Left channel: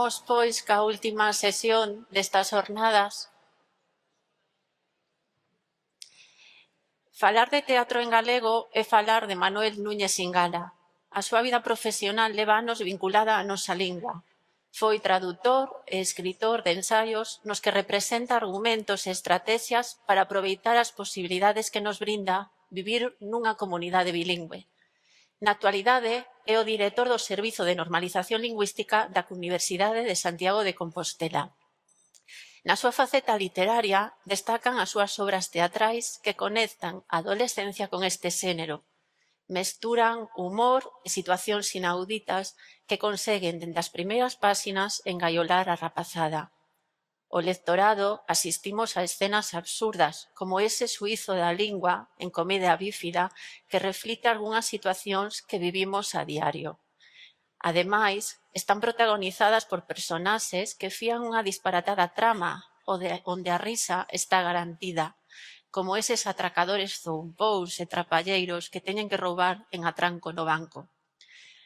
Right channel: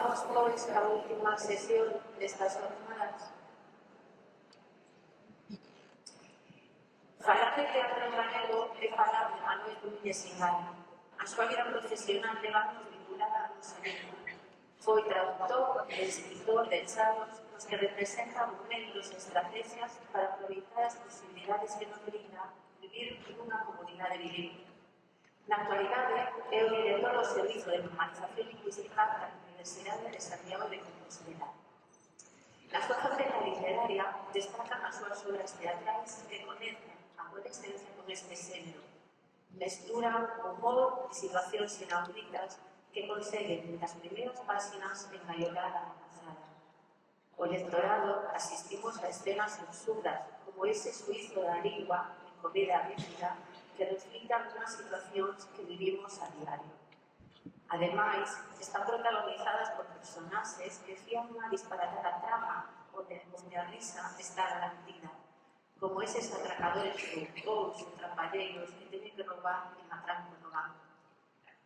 Vamos, pois, ca última sesión destas jornadas. Falar de teatro en galego é falar de Manuel Núñez Ingala. A súa vida profesional leva anos vinculada á nosa lingua. Foi tradutor e escritor de ensaios nos que representa argumentos e estrategias para aproveitar as posibilidades que nos brinda vivir nunha comunidade bilingüe. Na actualidade, é o director do Servizo de Normalización Lingüística da Universidade de Santiago de Compostela. Na súa faceta literaria, destacan as súas obras teatrais que conectan a adolescencia con este xénero. Mesturan humor e situacións inauditas que conseguen, dende as primeiras páxinas, engaiolar a rapazada. O lectorado asistimos a escenas absurdas, como ese suízo da lingua en Comedia bífida que reflicte algunhas situacións que vivimos a diario. Ademais, están protagonizadas por personaxes que fían unha disparatada trama onde a risa está garantida, como eses atracadores zoupous e trapalleiros que teñen que roubar en atranco no banco.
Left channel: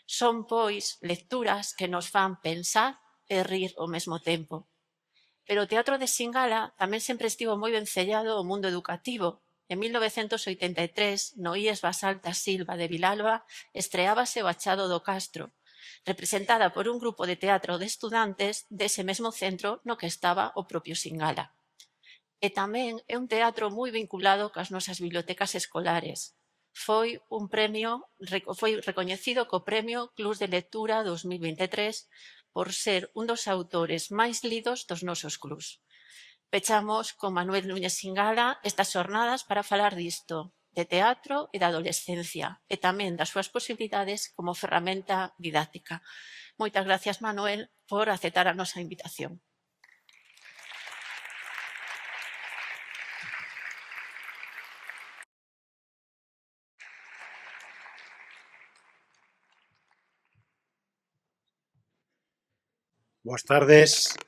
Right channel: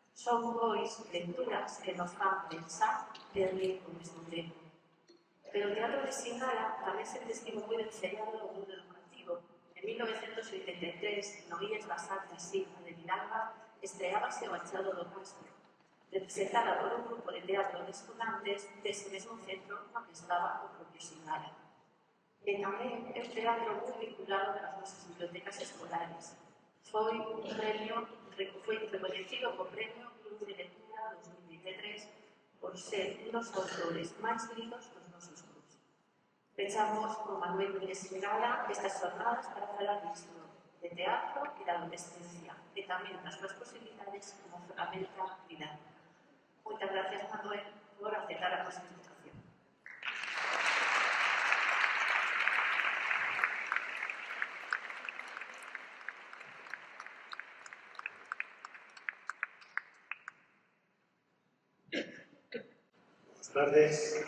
Son, pois, lecturas que nos fan pensar e rir ao mesmo tempo. Pero o teatro de Singala tamén sempre estivo moi vencellado ao mundo educativo. En 1983, no IES Basalta Silva de Vilalba, estreábase o Achado do Castro, representada por un grupo de teatro de estudantes dese mesmo centro no que estaba o propio Singala. E tamén é un teatro moi vinculado cas nosas bibliotecas escolares. Foi recoñecido co Premio Clus de Lectura 2023 por ser un dos autores máis lidos dos nosos clus. Pechamos con Manuel Núñez Ingala estas xornadas para falar disto, de teatro e da adolescencia, e tamén das súas posibilidades como ferramenta didáctica. Moitas gracias, Manuel, por aceptar a nosa invitación. Boas tardes.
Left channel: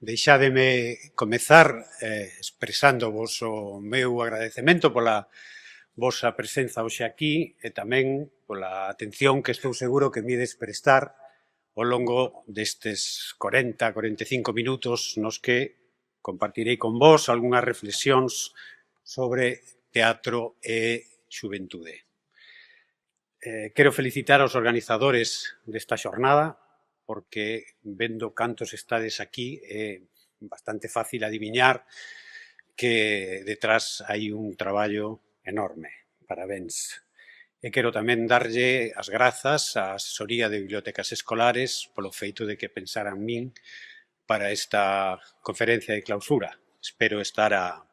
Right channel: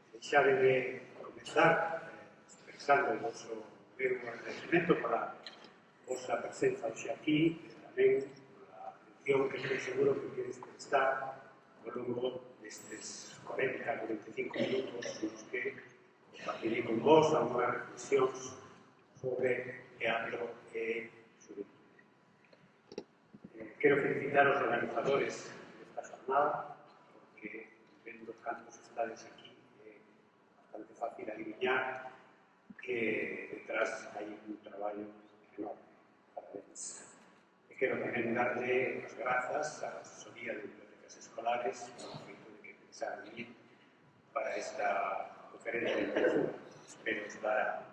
Deixádeme comezar expresándovos o meu agradecemento pola vosa presenza hoxe aquí e tamén pola atención que estou seguro que me ides prestar ao longo destes 40-45 minutos nos que compartirei con vos algunhas reflexións sobre teatro e xuventude. Quero felicitar aos organizadores desta xornada porque, vendo cantos estades aquí, é bastante fácil adiviñar que detrás hai un traballo enorme. Parabéns. E quero tamén darlle as grazas á asesoría de bibliotecas escolares polo feito de que pensaran min para esta conferencia de clausura. Espero estar á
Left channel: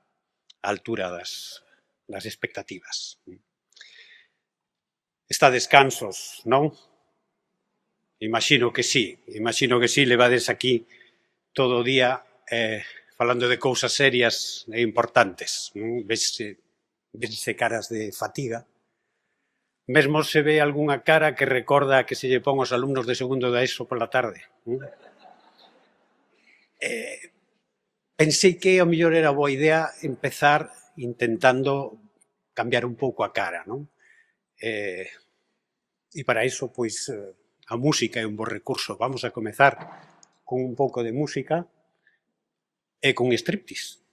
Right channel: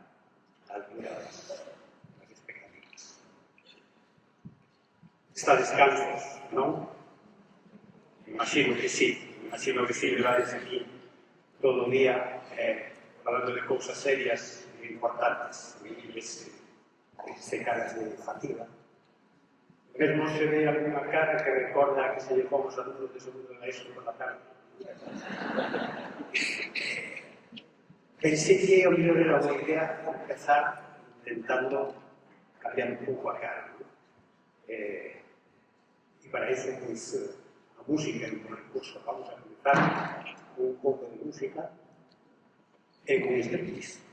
altura das expectativas. Estades cansos, non? Imagino que sí, levades aquí todo o día falando de cousas serias e importantes. Vese caras de fatiga. Mesmo se ve algunha cara que recorda que se lle pon aos alumnos de segundo da ESO pola tarde. Pensei que o mellor era boa idea empezar intentando cambiar un pouco a cara, non? E para iso, pois, a música é un bo recurso. Vamos a comezar con un pouco de música e con striptease.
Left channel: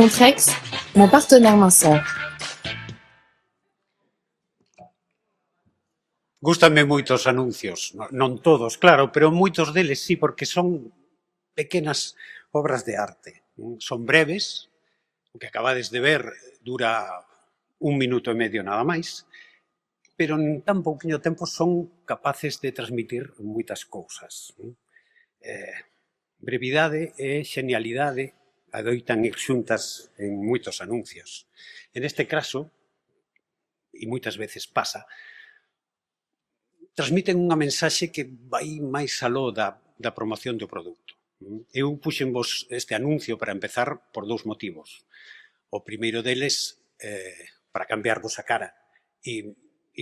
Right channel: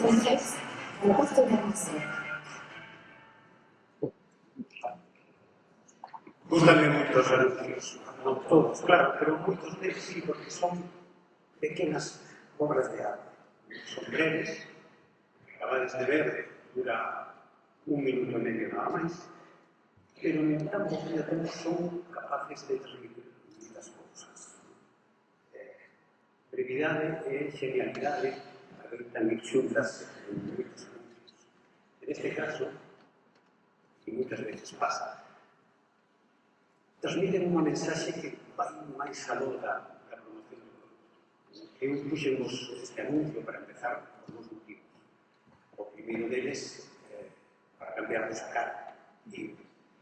Contrex, mon partenaire minceur. Gústanme moito os anuncios, non todos, claro, pero moitos deles sí, porque son pequenas obras de arte. Son breves, o que acabades de ver dura 1 minuto e medio nada máis, pero en tan pouquinho tempo son capaces de transmitir moitas cousas. Brevidade e xenialidade adoitan ir xuntas en moitos anuncios. En este caso, e moitas veces pasa, transmiten unha mensaxe que vai máis aló da promoción do produto. Eu puxenvos este anuncio para empezar por 2 motivos. O primeiro deles, para cambiarvos a cara. E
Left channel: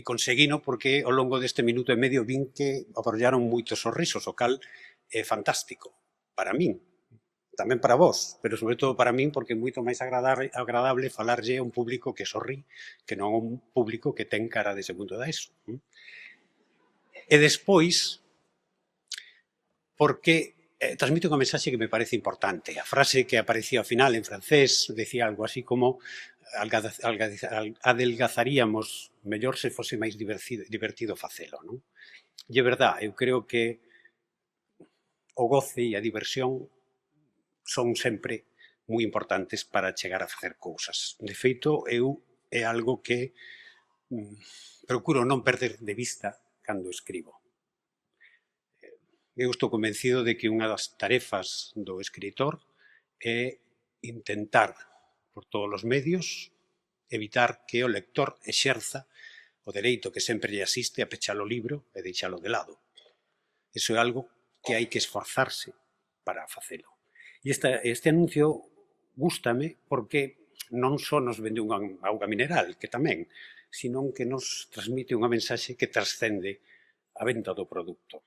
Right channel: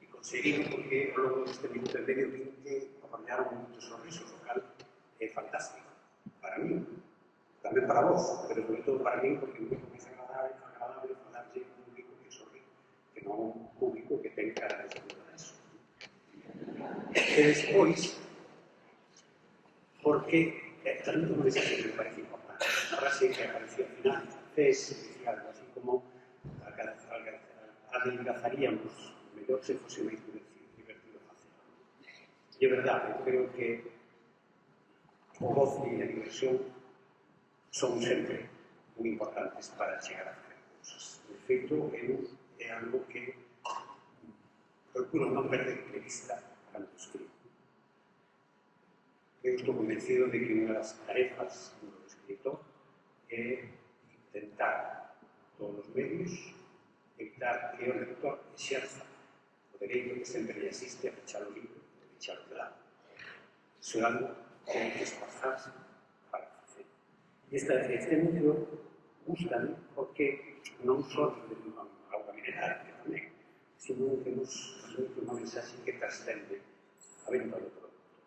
conseguino porque ao longo deste minuto e medio vin que aborllaron moitos sorrisos, o cal é fantástico. Para min, tamén para vos, pero sobre todo para min porque é moito máis agradable falarlle a un público que sorrí que non a un público que ten cara de segundo da ESO. E despois, porque transmite unha mensaxe que me parece importante. A frase que aparecía ao final en francés decía algo así como adelgazaríamos mellor se fose máis divertido facelo. Non? E é verdad, eu creo que o goce e a diversión son sempre moi importantes para chegar a facer cousas. De feito, é algo que procuro non perder de vista cando escribo. Eu estou convencido de que unha das tarefas do escritor é intentar, por todos os medios, evitar que o lector exerza o dereito que sempre lle asiste a pechar o libro e deixalo de lado. Iso é algo que hai que esforzarse para facelo. E este anuncio gústame porque non só nos vende unha auga mineral, que tamén, sino que nos transmite unha mensaxe que trascende a venta do produto.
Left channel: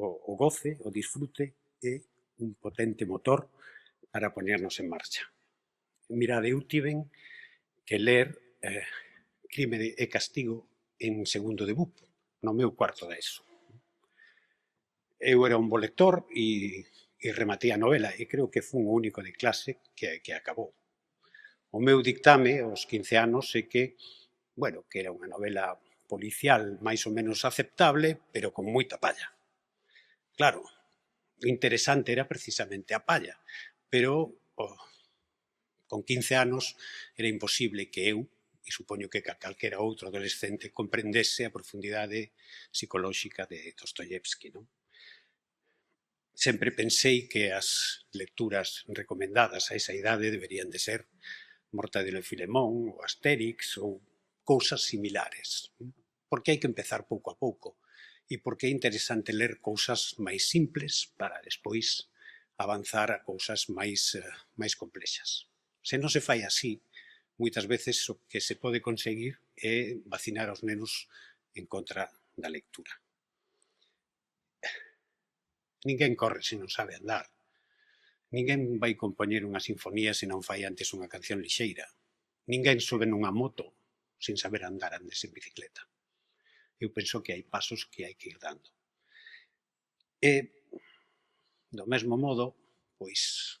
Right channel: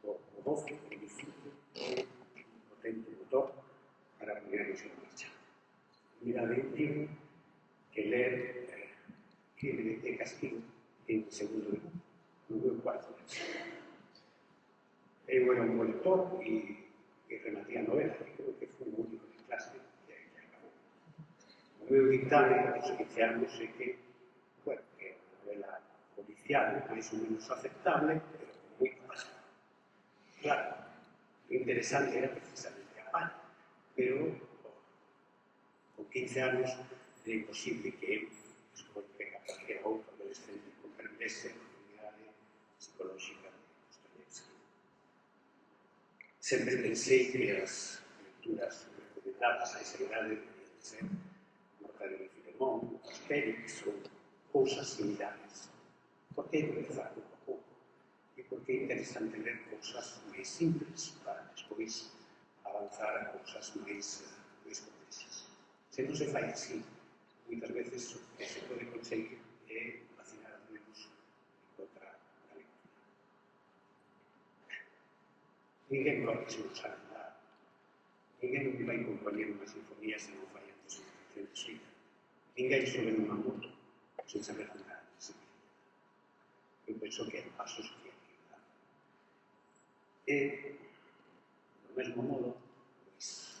O goce, o disfrute é un potente motor para poñernos en marcha. Mirade, eu tiven que ler Crime e Castigo en segundo de BUP, no meu cuarto da ESO. Eu era un bo lector e rematei a novela e creo que fun o único de clase que acabou. O meu dictame, aos 15 anos, é que, bueno, que era unha novela policial máis ou menos aceptable, pero con moita palla. Claro, o interesante era precisamente a palla, pero con 15 anos era imposible que eu, e supoño que calquera outro adolescente, comprendese a profundidade psicolóxica de Dostoyevsky. Sempre pensei que as lecturas recomendadas a esa idade deberían de ser Mortadelo e Filemón, ou Astérix, ou cousas similares. Porque hai que empezar pouco a pouco. E porque é interesante ler cousas máis simples para despois avanzar a cousas máis complexas. Se non se fai así, moitas veces o que se pode conseguir é vacinar aos nenos en contra da lectura. Ninguén corre se non sabe andar. Ninguén vai compoñer unha sinfonía se non fai antes unha canción lixeira. Ninguén sobe nunha moto sin saber andar andes en bicicleta. Eu penso que hai pasos que hai que ir dando. E, do mesmo modo, pois,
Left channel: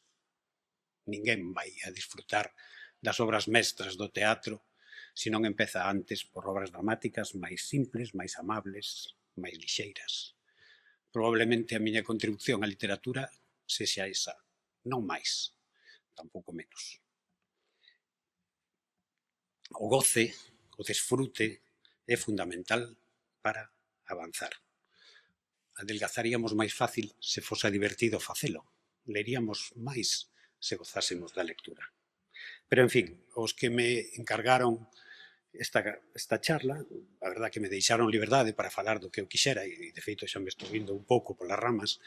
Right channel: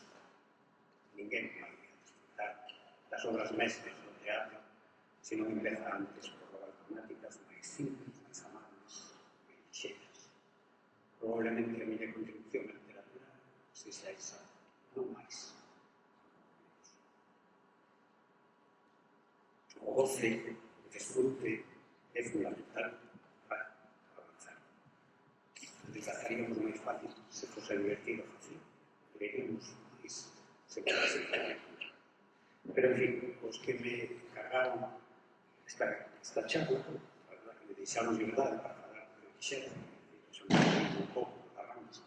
ninguén vai a disfrutar das obras mestras do teatro se non empeza antes por obras dramáticas máis simples, máis amables, máis lixeiras. Probablemente a miña contribución á literatura sexa esa, non máis, tampouco menos. O goce, o desfrute é fundamental para avanzar. Adelgazaríamos máis fácil se fose divertido facelo. Leríamos máis se gozásemos da lectura. Pero, en fin, os que me encargaron esta charla, a verdad que me deixaron liberdade para falar do que eu quixera, e, de feito, xa me estou indo un pouco polas ramas,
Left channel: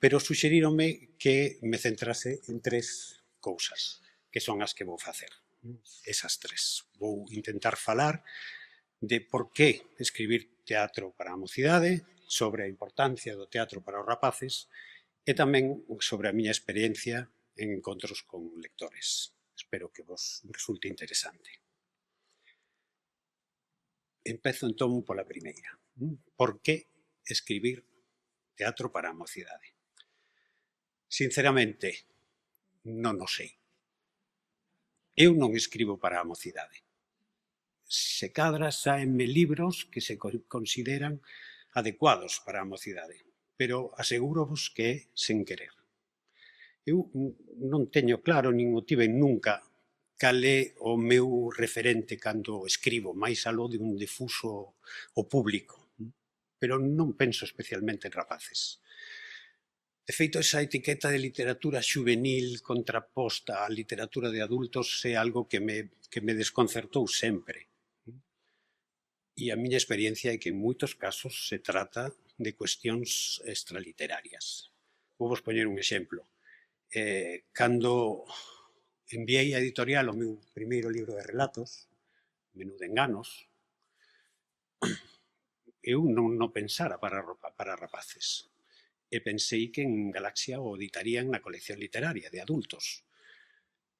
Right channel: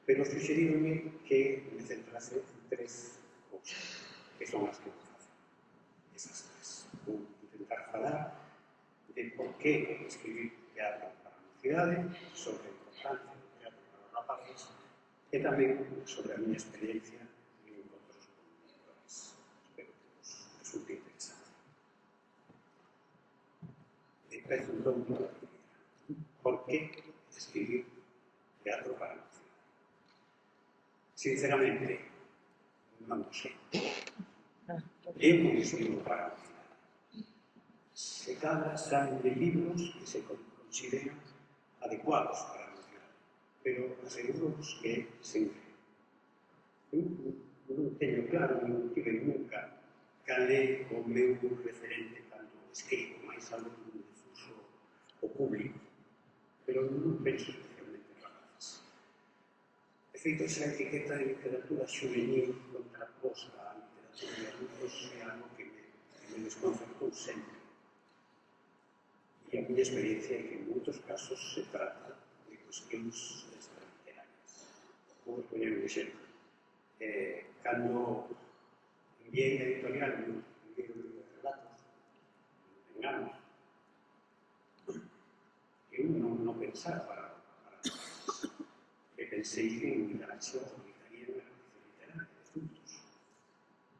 pero suxeríronme que me centrase en 3 cousas, que son as que vou facer. Esas 3. Vou intentar falar de por que escribir teatro para a mocidade, sobre a importancia do teatro para os rapaces e tamén sobre a miña experiencia en encontros con lectores. Espero que vos resulte interesante. Empezo entón pola primeira. Por que escribir teatro para a mocidade? Sinceramente, non o sei. Eu non escribo para a mocidade. Se cadra saenme libros que se consideran adecuados para a mocidade, pero aseguro-vos que é sen querer. Eu non teño claro, nin o tiven nunca, cal é o meu referente cando escribo, máis aló de un difuso o público, pero non penso especialmente en rapaces. De feito, esa etiqueta de literatura juvenil contraposta á literatura de adultos é algo que me desconcertou sempre. E a miña experiencia é que en moitos casos se trata de cuestións extraliterarias. Vou vos poñer un exemplo. Cando enviei a editorial o meu primeiro libro de relatos, Menú de enganos, eu non pensara para rapaces. E pensei que en Galaxia o editarían na colección literaria de adultos.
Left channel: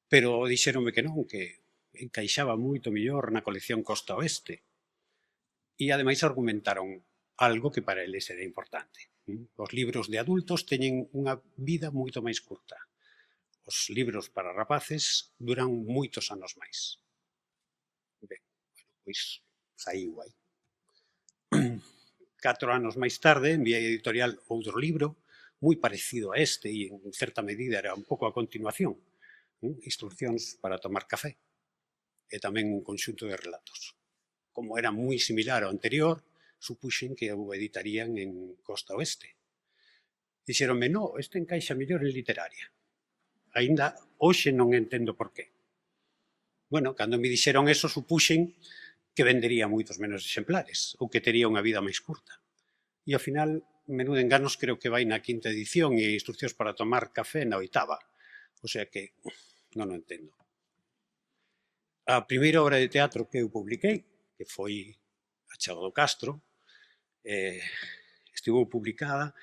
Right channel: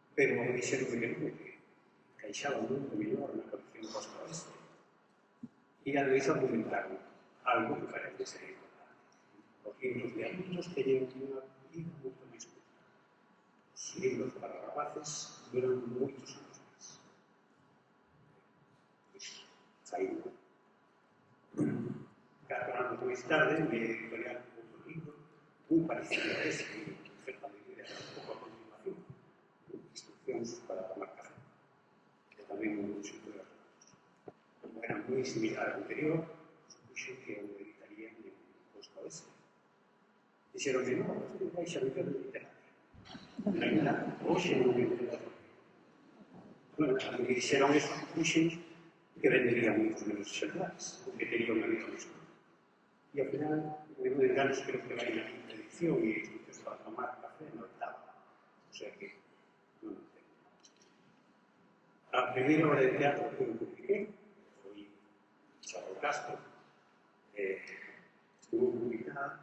Pero dixeronme que non, que encaixaba moito mellor na colección Costa Oeste. E ademais argumentaron algo que para eles era importante. Os libros de adultos teñen unha vida moito máis curta. Os libros para rapaces duran moitos anos máis. Ben, pois saíu aí. 4 anos máis tarde enviei a editorial outro libro moi parecido a este e en certa medida era un pouco a continuación, Instruccións para tomar café, e tamén un conxunto de relatos. Como era moi similar ao anterior, supuxen que o editarían en Costa Oeste. Dixeronme, no, este encaixa mellor en literaria. Ainda hoxe non entendo por qué. Bueno, cando me dixeron eso, supuxen que vendería moitos menos exemplares ou que tería unha vida máis curta. E ao final, Menú de enganos creo que vai na 5ª edición e Instruccións para tomar café na 8ª. O sea que non o entendo. A primeira obra de teatro que eu publiquei, que foi A Chao do Castro, estivo publicada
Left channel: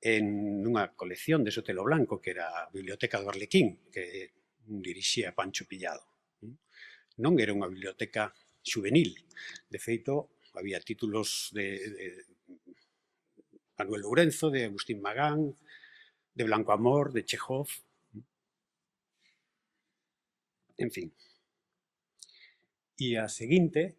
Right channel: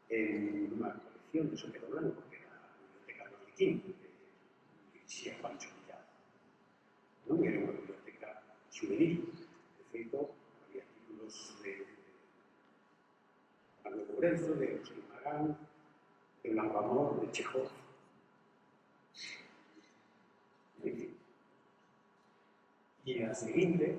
en unha colección de Sotelo Blanco, que era a Biblioteca do Arlequín, que dirixía Pancho Pillado. Non era unha biblioteca juvenil. De feito, había títulos de Manuel Lourenzo, de Agustín Magán, de Blanco Amor, de Chekhov. En fin. E a seguinte,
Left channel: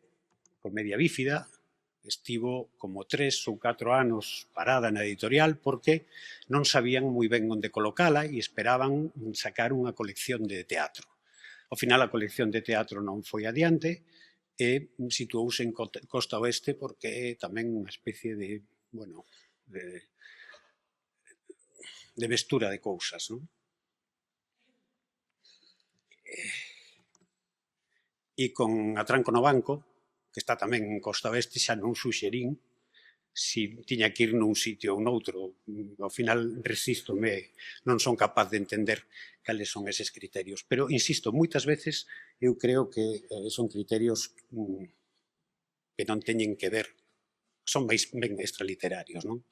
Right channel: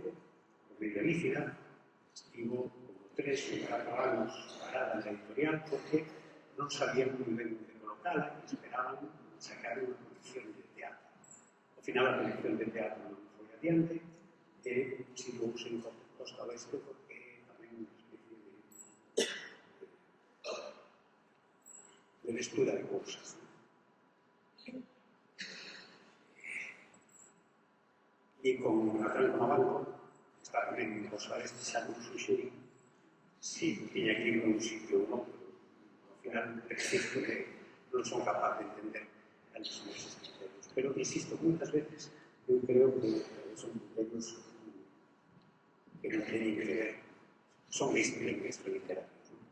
Comedia Bífida, estivo como 3 ou 4 anos parada na editorial porque non sabían moi ben onde colocala e esperaban sacar unha colección de teatro. Ao final, a colección de teatro non foi adiante e situouse en Costa Oeste porque é tamén unha especie de, bueno, de mestura de cousas, non? E con Atranco no Banco, que está tamén en Costa Oeste, xa non suxerín si tiña que ir nun sitio ou noutro. Ao final, resístome, non son capaz de entender cales son eses criterios. Pero, insisto, moitas veces eu creo que son criterios que non teñen que ver, son máis ben extraliterarios, non?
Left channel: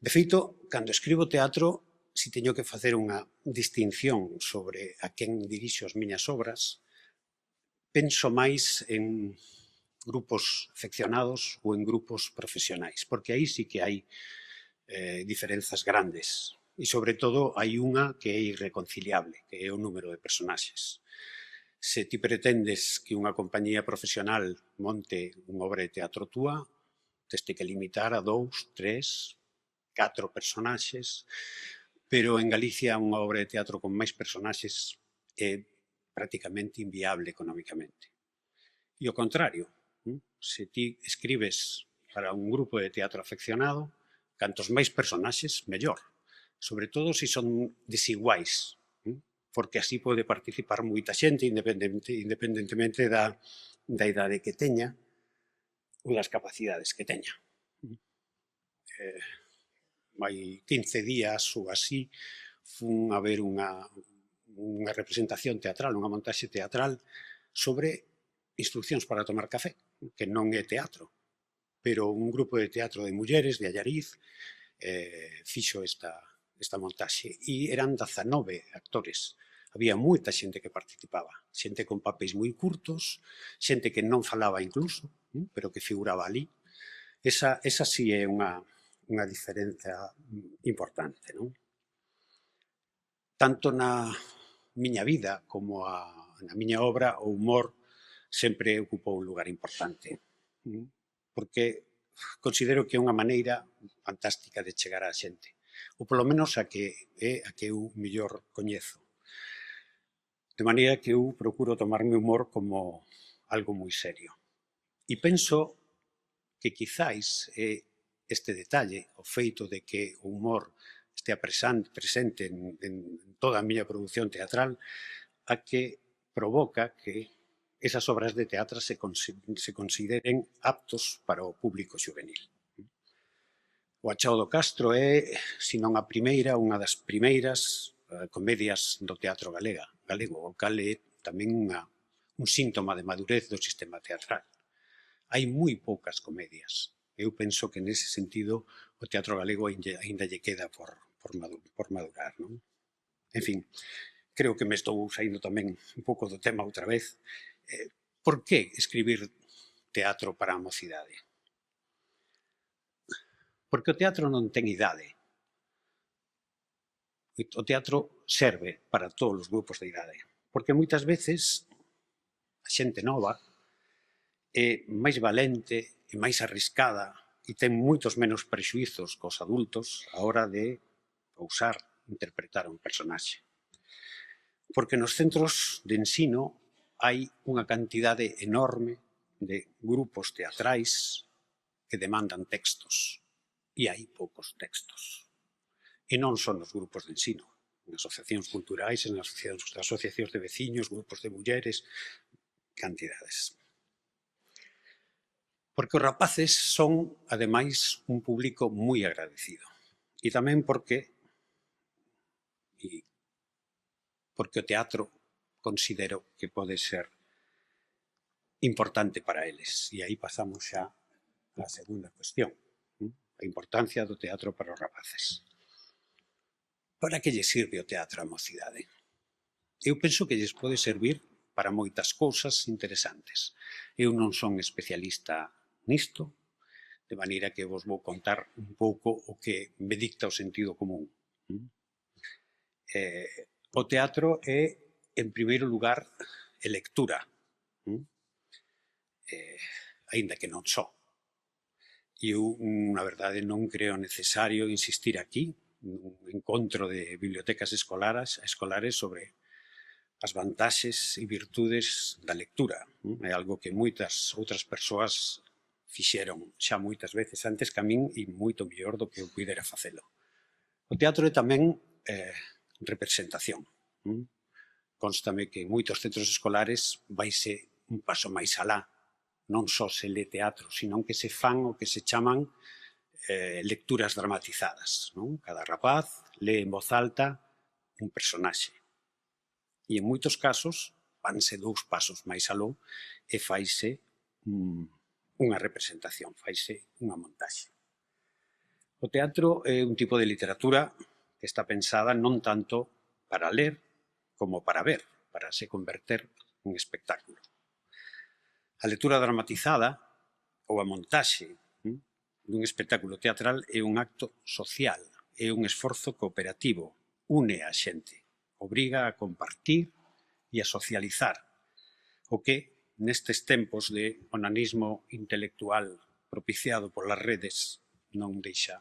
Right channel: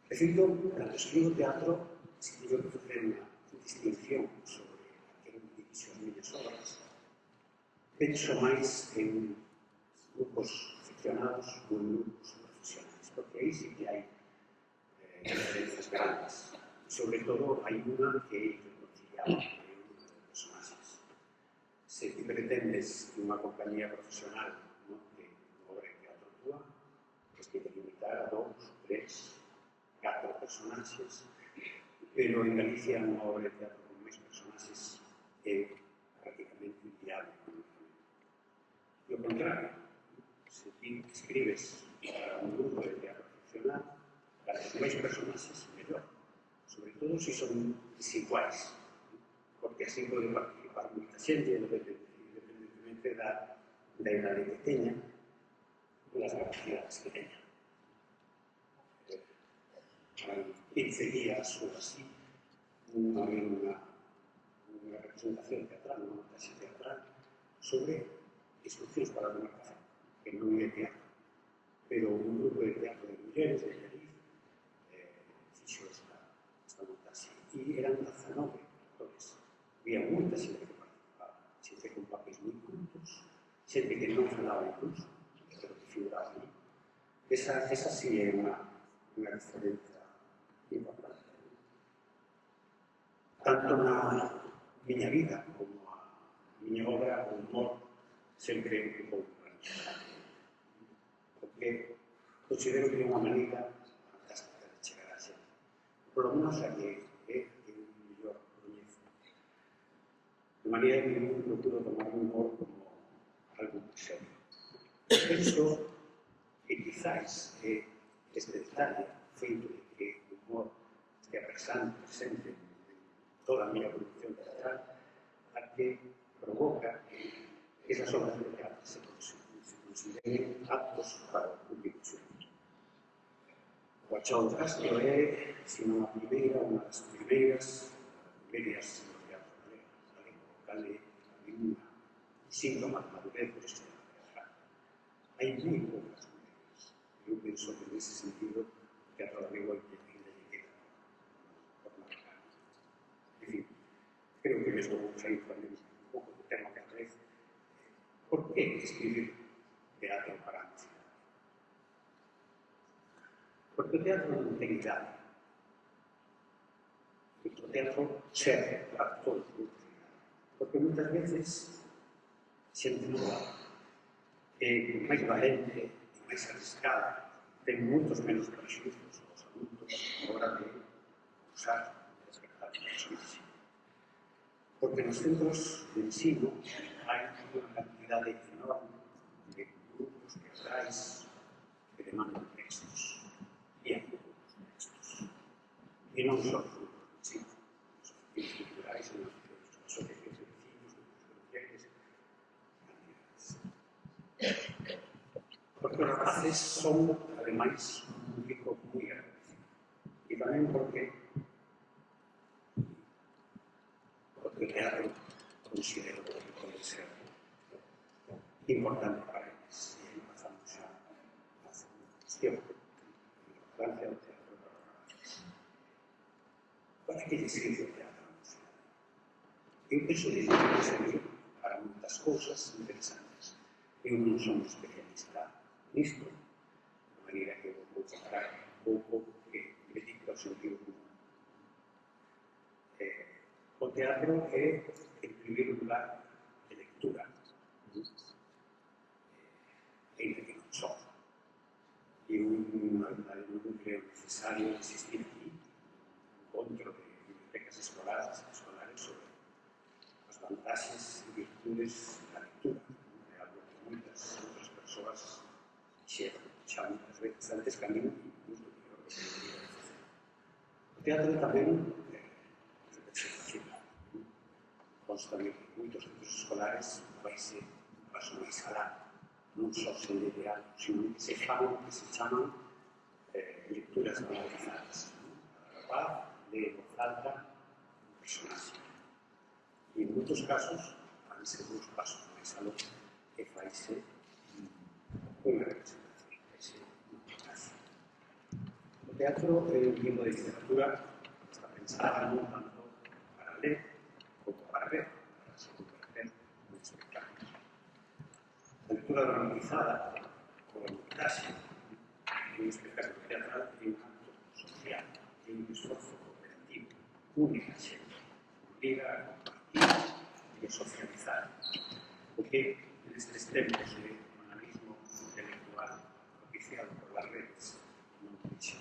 De feito, cando escribo teatro, si teño que facer unha distinción sobre a quen dirixo as miñas obras, penso máis en grupos afeccionados ou en grupos profesionais, porque aí sí que hai diferenzas grandes. E, sobre todo, hai unha que é irreconciliable, que é o número de personaxes. Se ti pretendes que unha compañía profesional monte unha obra de teatro túa, teste que limitar a 2, 3, 4 personaxes, pero en Galicia unha obra de teatro con máis personaxes é prácticamente inviable económicamente. E o contrario, se ti escribes para un grupo de teatro afeccionado, cantos máis personaxes, mellor. Sobre todo se son desiguais, porque así pode participar moita xente independentemente da idade que teña ou das capacidades que teña. Hai 15 días ou así fun a ver unha representación teatral, unha montaxe teatral sobre Instruccións para tomar café, que non é teatro, pero un grupo de teatro de mulleres de Allariz fixo esta montaxe e eran 19 actores. Había moita xente que participaba, xente con papéis moi curtos, xente que non falaba incluso, pero que figuraba ali. Esa sí é unha diferencia importante, non? Tanto na miña vida como a na miña obra o humor sempre ocupou un lugar importante, porque considero que é unha maneira fantástica de chegar á xente, ou polo menos a que eu mellor coñezo. De maneira que eu procuro tomarme o humor como algo moi serio. E penso que quizáis este detalle, o feito de que o humor estea presente en toda a miña produción teatral, a que provoca que esas obras de teatro se consideren aptos para o público xuvenil. O Achao do Castro é, se non a primeira, unha das primeiras comedias do teatro galego, o cal é tamén un síntoma de madurez do sistema teatral. Hai moi poucas comedias. Eu penso que nese sentido o teatro galego ainda lle queda por madurar. En fin, creo que me estou saindo tamén un pouco do tema outra vez. Por que escribir teatro para a mocidade? Porque o teatro non ten idade. O teatro serve para todos os grupos de idade. Porque moitas veces a xente nova é máis valente e máis arriscada e ten moitos menos prexuizos cos adultos a hora de ousar interpretar un personaxe. Porque nos centros de ensino hai unha cantidade enorme de grupos teatrais que demandan textos e hai poucos textos. E non só nos grupos de ensino, nas asociacións culturais, nas asociacións de veciños, grupos de mulleres, cantidades. Porque os rapaces son, ademais, un público moi agradecido. E tamén porque o teatro considero que pode ser importante para eles. E aí pasamos xa á segunda cuestión, a importancia do teatro para os rapaces. Para que lle sirve o teatro á mocidade? Eu penso que lles pode servir para moitas cousas interesantes. Eu non son especialista nisto, de maneira que vos vou contar un pouco o que me dicta o sentido común. O teatro é, en primeiro lugar, lectura, aínda que non só. Eu, na verdade, non creo necesario insistir aquí no encontro de bibliotecas escolares sobre as vantaxes e virtudes da lectura. É algo que moitas outras persoas fixeron xa moitas veces antes que a min e moito mellor do que eu puidera facelo. O teatro é tamén representación. Constame que en moitos centros escolares vaise un paso máis alá. Non só se lê teatro, sino que se fan o que se chaman lecturas dramatizadas. Cada rapaz lee en voz alta un personaxe. E en moitos casos vanse 2 pasos máis aló e faise unha representación, faise unha montaxe. O teatro é un tipo de literatura que está pensada non tanto para ler como para ver, para se converter nun espectáculo. A lectura dramatizada ou a montaxe dun espectáculo teatral é un acto social, é un esforzo cooperativo, une a xente, obriga a compartir e a socializar, o que nestes tempos de onanismo intelectual propiciado polas redes non deixa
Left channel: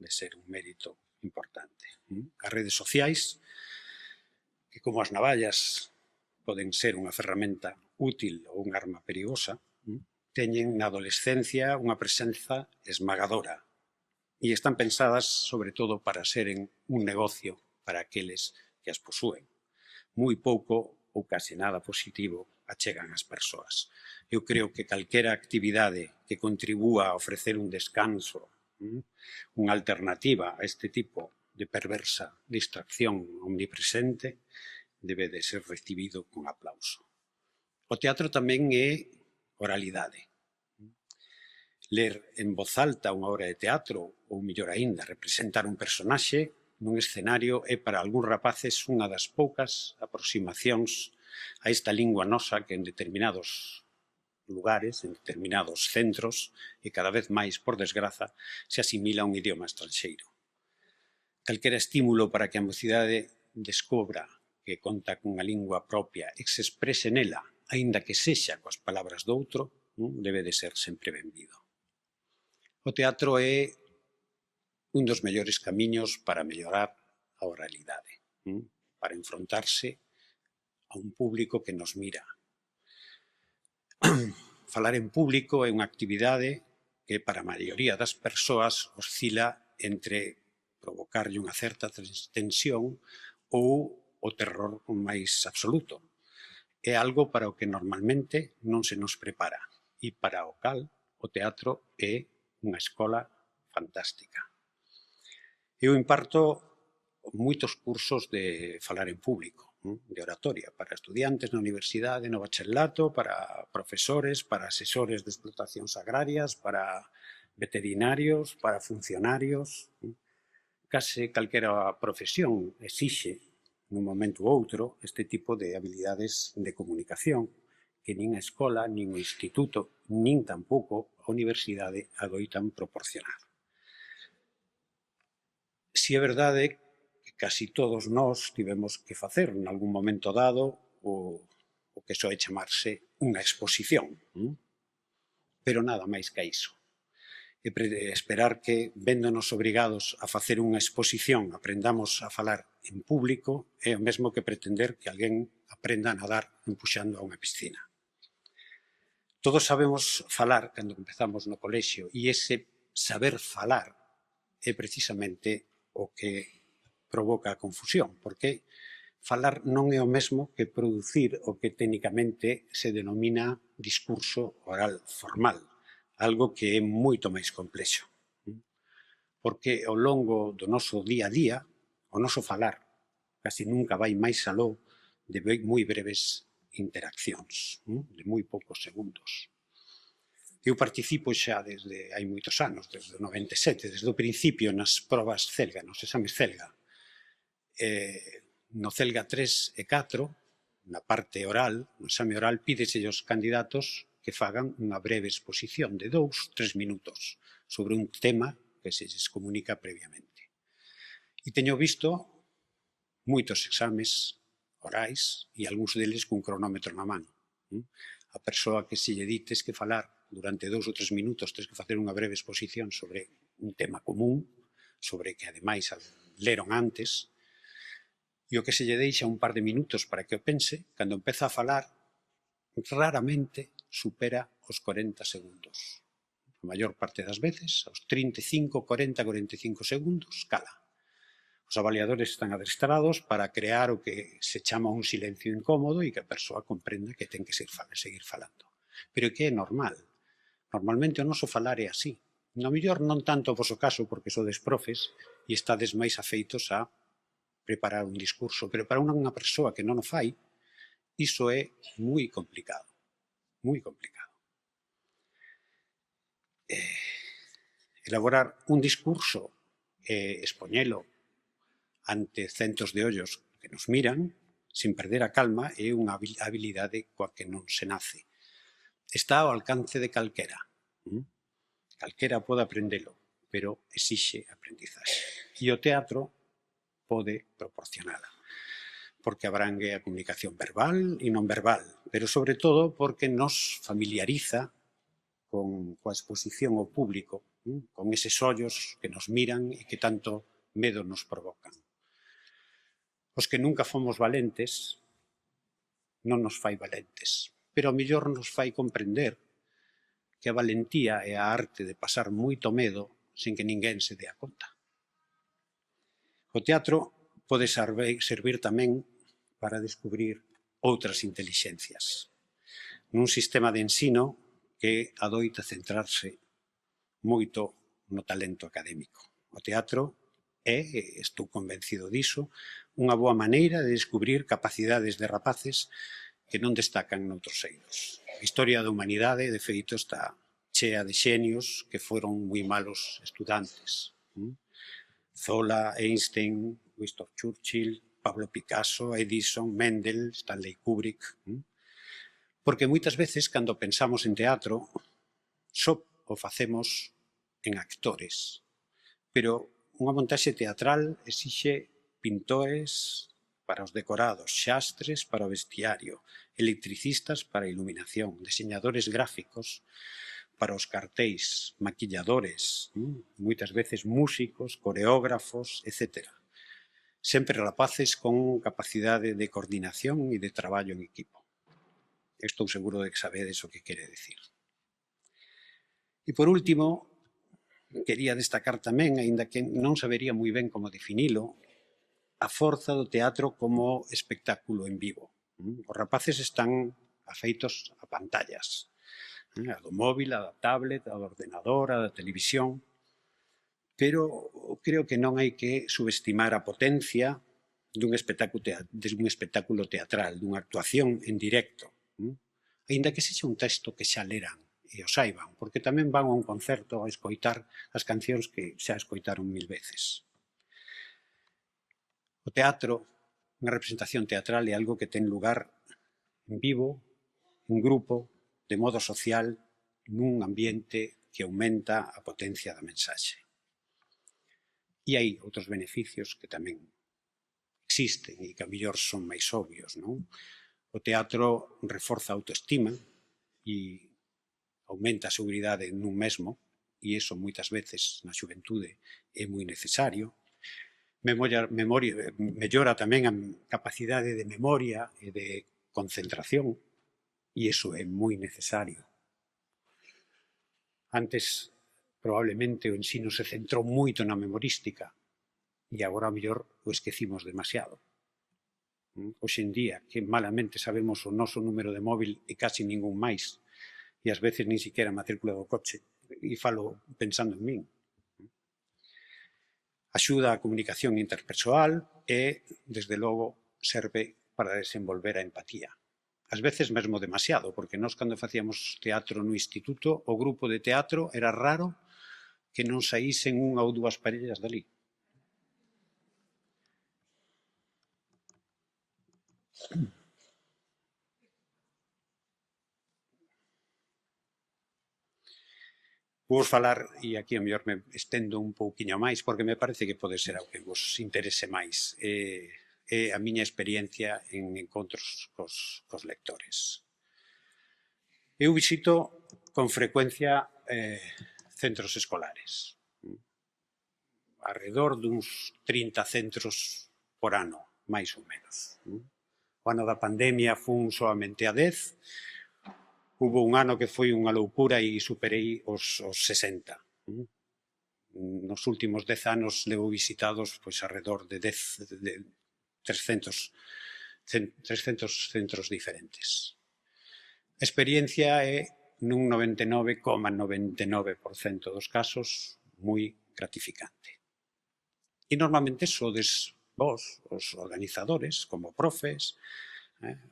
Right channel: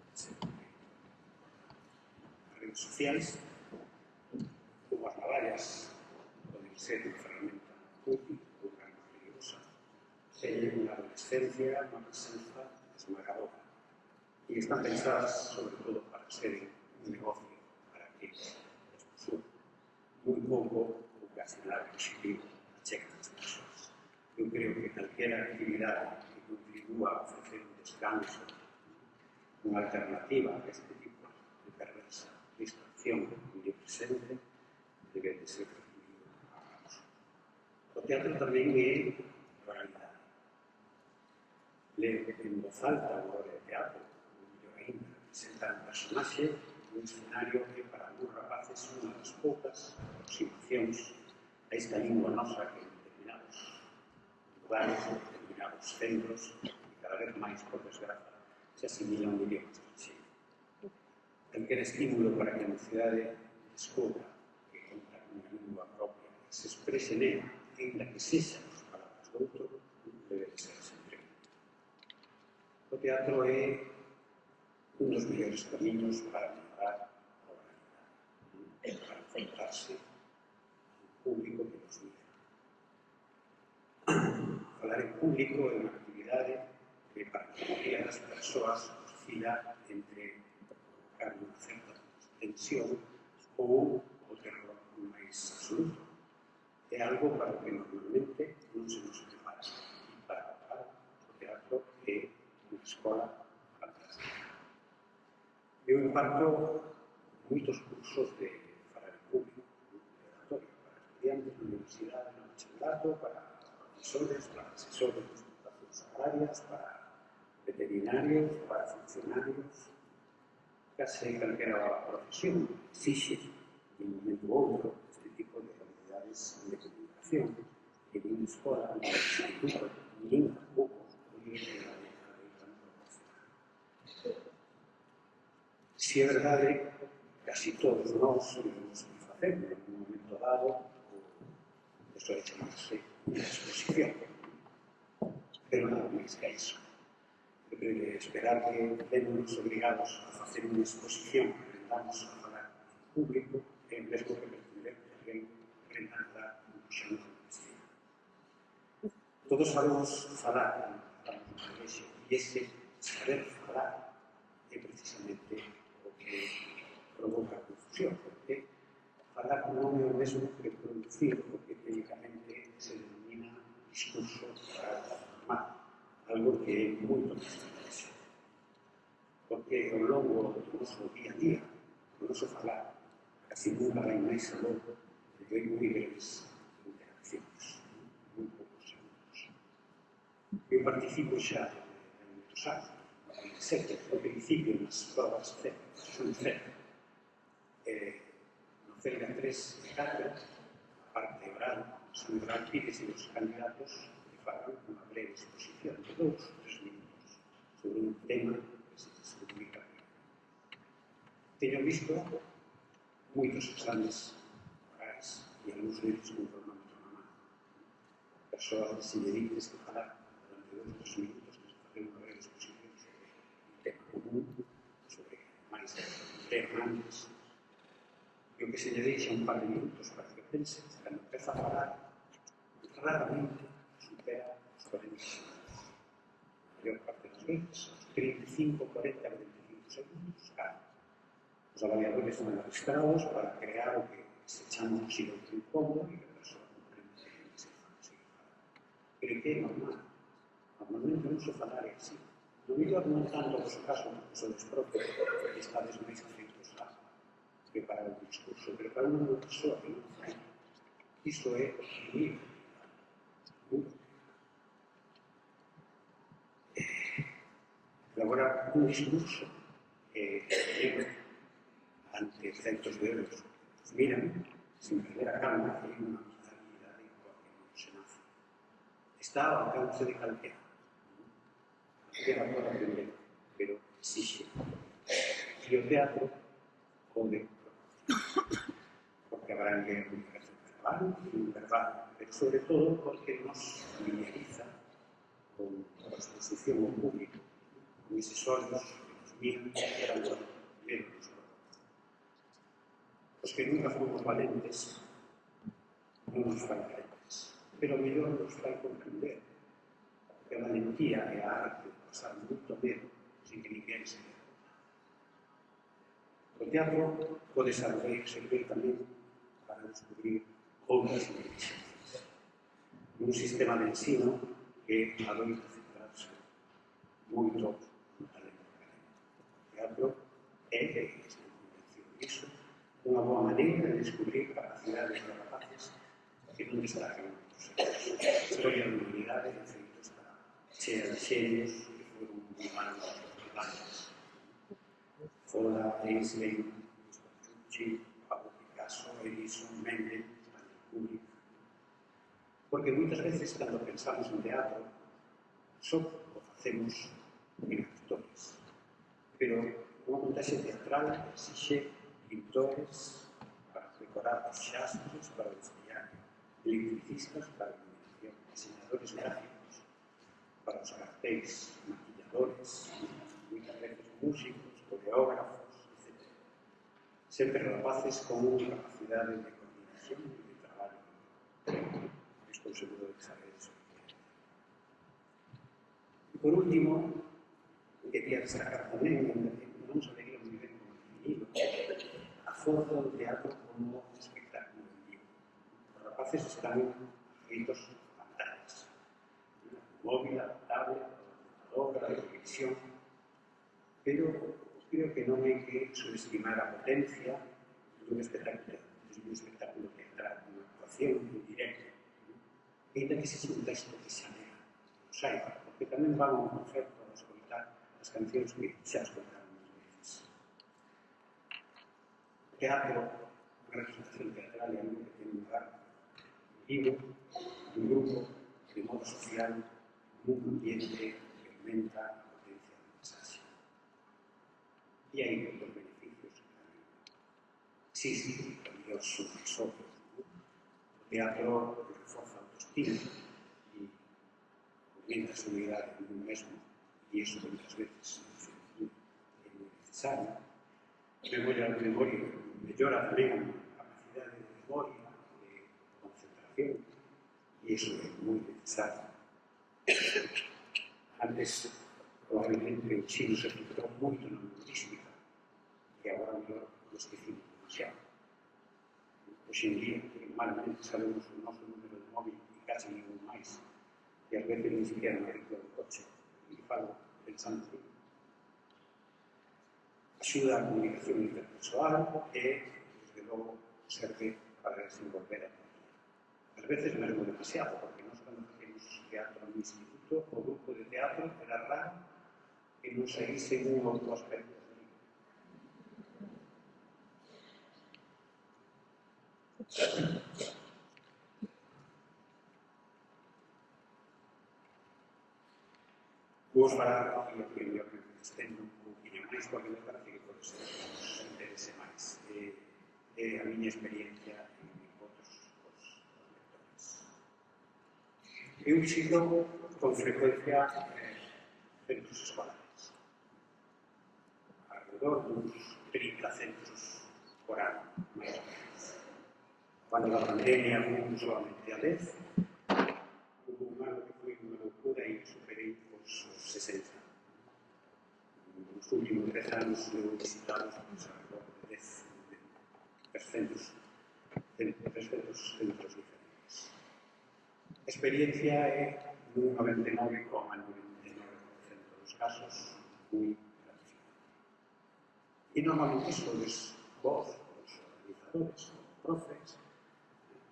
de ser un mérito importante. As redes sociais, que como as navallas poden ser unha ferramenta útil ou unha arma perigosa, teñen na adolescencia unha presenza esmagadora e están pensadas, sobre todo, para seren un negocio para aqueles que as posúen. Moi pouco ou case nada positivo achegan as persoas. Eu creo que calquera actividade que contribúa a ofrecer un descanso, unha alternativa a este tipo de perversa distracción omnipresente, debe de ser recibido con aplauso. O teatro tamén é oralidade. Ler en voz alta unha obra de teatro, ou mellor aínda, representar un personaxe nun escenario é para algúns rapaces unha das poucas aproximacións a esta lingua nosa que en determinados lugares, en determinados centros, e cada vez máis, por desgraza, se asimila a un idioma estranxeiro. Calquera estímulo para que a mocidade descubra que conta cunha lingua propia e que se exprese nela, aínda que sexa coas palabras doutro, debe de ser sempre benvido. O teatro é un dos mellores camiños para mellorar a oralidade, para enfrontarse a un público que nos mira. Falar en público é unha actividade que para a maioría das persoas oscila entre provocarlle unha certa tensión ou o terror máis absoluto. É algo para o que normalmente non se nos prepara e para o cal o teatro é unha escola fantástica. Eu imparto moitos cursos de falar en público, de oratoria, para estudiantes na universidade, no bacharelato, para profesores, para asesores de explotacións agrarias, para veterinarios, para funcionarios. Case calquera profesión exixe, nun momento ou outro, este tipo de habilidades de comunicación que nin a escola, nin o instituto, nin tampouco a universidade adoitan proporcionar. Si é verdade que casi todos nós tivemos que facer, en algún momento dado, o que soe chamarse unha exposición, pero nada máis que iso. Esperar que, véndonos obrigados a facer unha exposición, aprendamos a falar en público, é o mesmo que pretender que alguén aprenda a nadar empuxando a unha piscina. Todos sabemos falar cando empezamos no colexio e ese saber falar é precisamente o que provoca a confusión, porque falar non é o mesmo que producir o que técnicamente se denomina discurso oral formal, algo que é moito máis complexo. Porque ao longo do noso día a día, o noso falar casi nunca vai máis aló de moi breves interaccións, de moi poucos segundos. Eu participo xa desde hai moitos anos, desde o 97, desde o principio nas probas CELGA, nos exames CELGA. No CELGA 3 e 4, na parte oral, no exame oral, pídese aos candidatos que fagan unha breve exposición de 2-3 minutos sobre un tema que se les comunica previamente. E teño visto moitos exames orais e algúns deles cun cronómetro na mano. A persoa que se lle dites que falar durante 2 ou 3 minutos tens que facer unha breve exposición sobre un tema común, sobre que ademais leron antes, e o que se lle deixa un par de minutos para que o pense, cando empeza a falar, raramente supera os 40 segundos. A maior parte das veces, aos 35, 40, 45 segundos, cala. Os avaliadores están adestrados para crear o que se chama un silencio incómodo e que a persoa comprenda que ten que seguir falando. Pero que é normal. Normalmente o noso falar é así. No mellor non tanto o voso caso, porque sodes profes e estades máis afeitos a preparar un discurso, pero para unha persoa que non o fai, iso é moi complicado. Moi complicado. Elaborar un discurso e expoñelo ante centos de ollos que nos miran, sin perder a calma, é unha habilidade coa que non se nace. Está ao alcance de calquera. Calquera pode aprendelo, pero exixe aprendizaxe. E o teatro pode proporcionar, porque abrangue a comunicación verbal e non verbal, pero sobre todo porque nos familiariza coa exposición ao público, con eses ollos que nos miran e que tanto medo nos provocan. Os que nunca fomos valentes non nos fai valentes, pero ao mellor nos fai comprender que a valentía é a arte de pasar moito medo sen que ninguén se dea conta. O teatro pode servir tamén para descubrir outras intelixencias. Nun sistema de ensino que adoita centrarse moito no talento académico. O teatro é, estou convencido diso, unha boa maneira de descubrir capacidades de rapaces que non destacan noutros eidos. A historia da humanidade, de feito, está chea de xenios que foron moi malos estudantes. Zola, Einstein, Winston Churchill, Pablo Picasso, Edison, Mendel, Stanley Kubrick. Porque moitas veces, cando pensamos en teatro, só o facemos en actores. Pero unha montaxe teatral exixe pintores, para os decorados, xastres para o vestiario, electricistas para a iluminación, diseñadores gráficos para os cartéis, maquilladores, moitas veces músicos, coreógrafos, etc. Sempre rapaces con capacidade de coordinación e de traballo en equipo. Estou seguro de que sabedes o que quere decir. E por último, quería destacar tamén, aínda que non sabería moi ben como definilo, a forza do teatro como espectáculo en vivo. Os rapaces están afeitos a pantallas, a do móvil, a da tablet, a do ordenador, a da televisión, pero creo que non hai que subestimar a potencia dun espectáculo teatral, dunha actuación en directo, aínda que sexa un texto que xa leran e o saiban, porque tamén van a un concerto a escoitar as cancións que xa escoitaron 1000 veces. O teatro, unha representación teatral, é algo que ten lugar en vivo, un grupo, de modo social, nun ambiente que aumenta a potencia da mensaxe. E hai outros beneficios que tamén existen e que a mellor son máis obvios, non? O teatro reforza a autoestima e aumenta a seguridade nun mesmo, e iso moitas veces na xuventude é moi necesario. Mellora tamén a capacidade de memoria e de concentración, e iso é moi necesario. Antes, probablemente, o ensino se centrou moito na memorística e agora, a mellor, o esquecimos demasiado. Hoxe en día, que malamente sabemos o noso número de móvil e casi ningún máis, e ás veces nin siquiera a matrícula do coche, e falo pensando en min. Axuda a comunicación interpersoal e, desde logo, serve para desenvolver a empatía. Ás veces mesmo demasiado, porque nós cando facíamos teatro no instituto, o grupo de teatro era raro que non saísen unha ou dúas parellas dali. Vou falar, e aquí a mellor me estendo un pouquiño máis, porque me parece que pode ser algo que vos interese máis. É a miña experiencia en encontros cos lectores. Eu visito con frecuencia centros escolares. Arredor duns 30 centros por ano, máis ou menos. O ano da pandemia fun soamente a 10, hubo un ano que foi unha loucura e superei os 60. Nos últimos 10 anos levo visitados arredor de 300 centros diferentes. A experiencia é, nun 99,99% dos casos, moi gratificante. E normalmente sodes vos, os organizadores, como profes,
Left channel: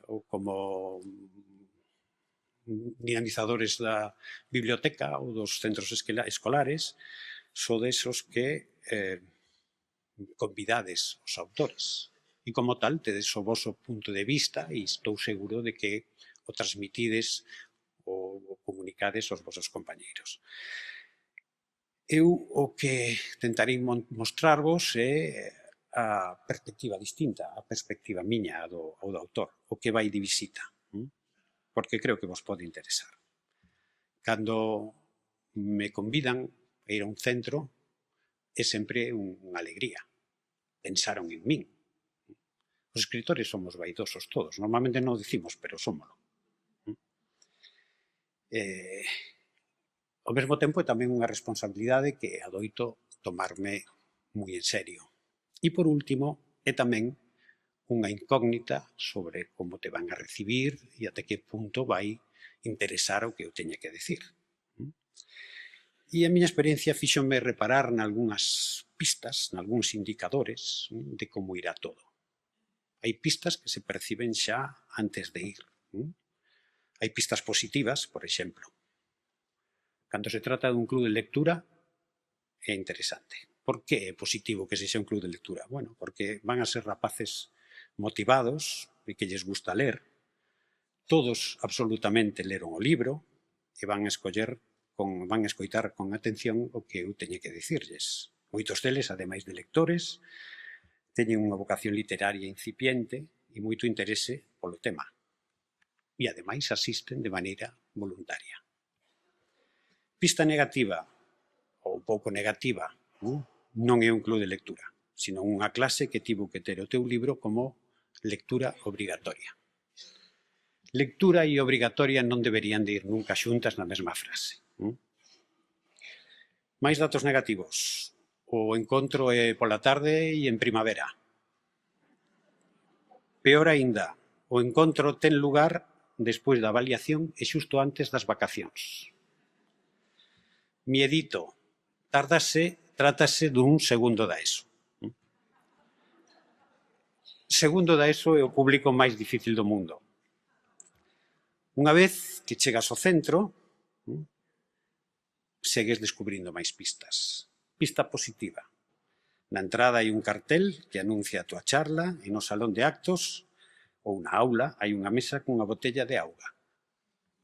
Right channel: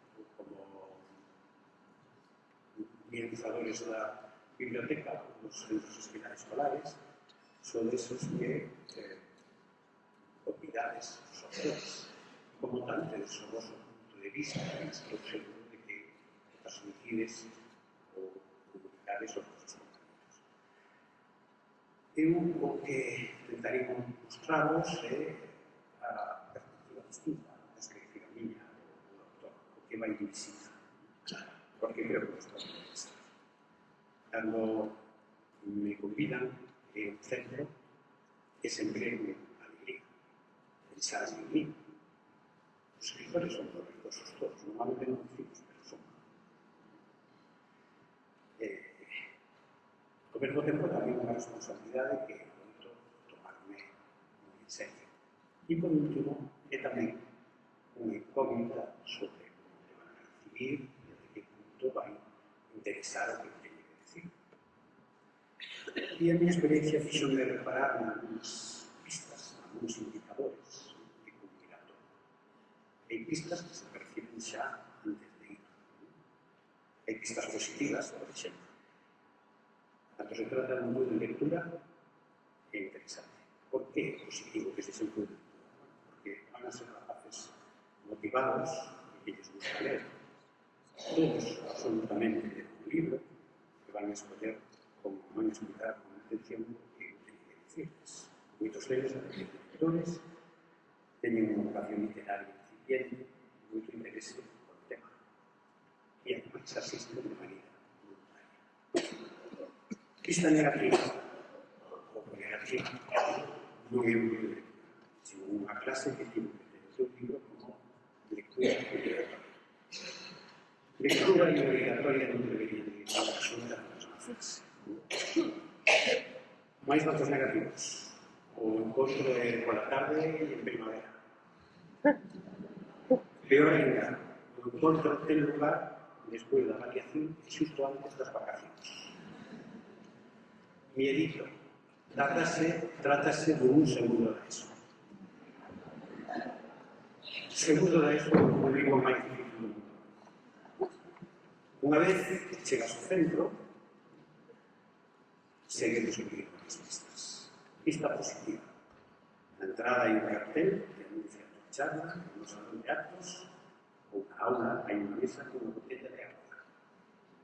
ou como dinamizadores da biblioteca ou dos centros escolares, sodes os que convidades os autores. E como tal, tedes o voso punto de vista e estou seguro de que o transmitides ou comunicades aos vosos compañeiros. Eu o que tentarei mostrarvos é a perspectiva distinta, a perspectiva miña ou do autor, o que vai de visita, porque creo que vos pode interesar. Cando me convidan a ir a un centro, é sempre unha alegría. Pensaron en min. Os escritores somos vaidosos todos, normalmente non o dicimos, pero somos. Ao mesmo tempo é tamén unha responsabilidade que adoito tomarme moi en serio. E por último, é tamén unha incógnita sobre como te van a recibir e até que punto vai interesar o que eu teña que decir. E a miña experiencia fíxome reparar nalgúnas pistas, nalgúns indicadores de como irá todo. Hai pistas que se perciben xa antes de ir. Hai pistas positivas, por exemplo. Cando se trata dun club de lectura, é interesante. Por que é positivo que sexa un club de lectura? Bueno, porque van a ser rapaces motivados e que lles gusta ler. Todos absolutamente leron o libro e van escoitar con atención o que eu teño que dicirlles. Moitos deles, ademais de lectores, teñen unha vocación literaria incipiente e moito interese polo tema. E, ademais, asisten de maneira voluntaria. Pista negativa, ou pouco negativa, non é un club de lectura, sino unha clase que tivo que ter o teu libro como lectura obrigatoria. Lectura e obrigatoria non deberían de ir nunca xuntas na mesma frase. Máis datos negativos. O encontro é pola tarde e en primavera. Peor aínda, o encontro ten lugar despois da avaliación e xusto antes das vacacións. Miedito. Trátase dun segundo da ESO. Segundo da ESO é o público máis difícil do mundo. Unha vez que chegas ao centro, segues descubrindo máis pistas. Pista positiva. Na entrada hai un cartel que anuncia a túa charla e no salón de actos ou na aula hai unha mesa cunha botella de auga.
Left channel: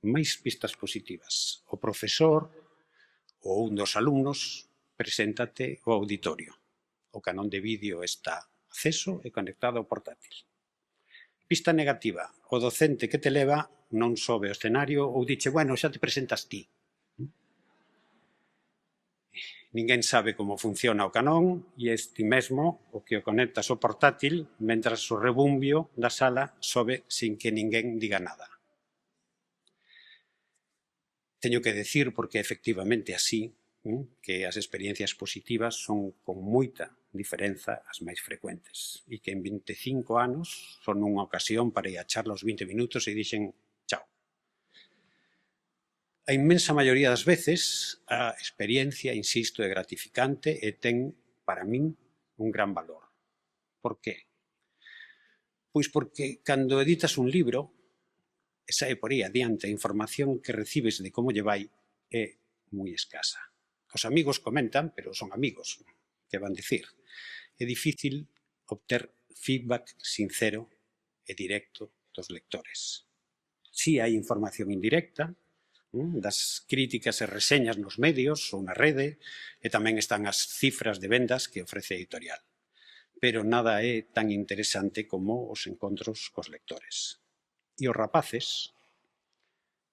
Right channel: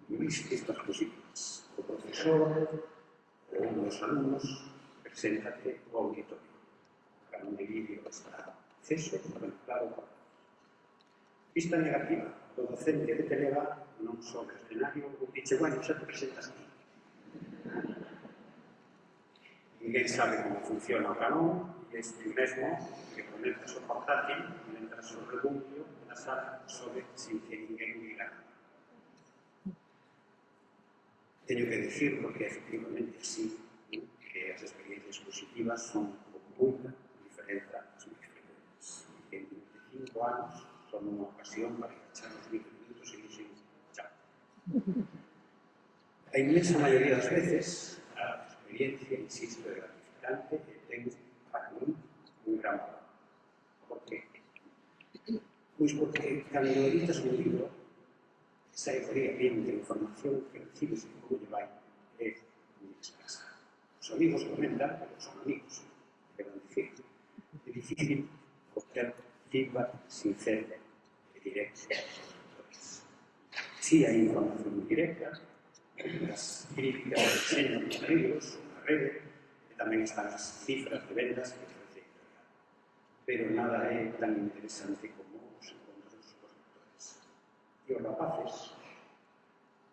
Máis pistas positivas. O profesor ou un dos alumnos preséntate ao auditorio. O canón de vídeo está acceso e conectado ao portátil. Pista negativa. O docente que te leva non sobe ao escenario ou diche, bueno, xa te presentas ti. Ninguén sabe como funciona o canón e este mesmo o que o conectas ao portátil mentras o rebumbio da sala sobe sin que ninguén diga nada. Teño que decir, porque efectivamente así, que as experiencias positivas son con moita diferenza as máis frecuentes e que en 25 anos son unha ocasión para ir a charla os 20 minutos e dixen chao. A inmensa maioría das veces a experiencia, insisto, é gratificante e ten, para min, un gran valor. Por que? Pois porque cando editas un libro e sae por aí adiante a información que recibes de como lle vai é moi escasa. Os amigos comentan, pero son amigos, que van dicir. É difícil obter feedback sincero e directo dos lectores. Si hai información indirecta, das críticas e reseñas nos medios ou na rede, e tamén están as cifras de vendas que ofrece a editorial. Pero nada é tan interesante como os encontros cos lectores. E os rapaces,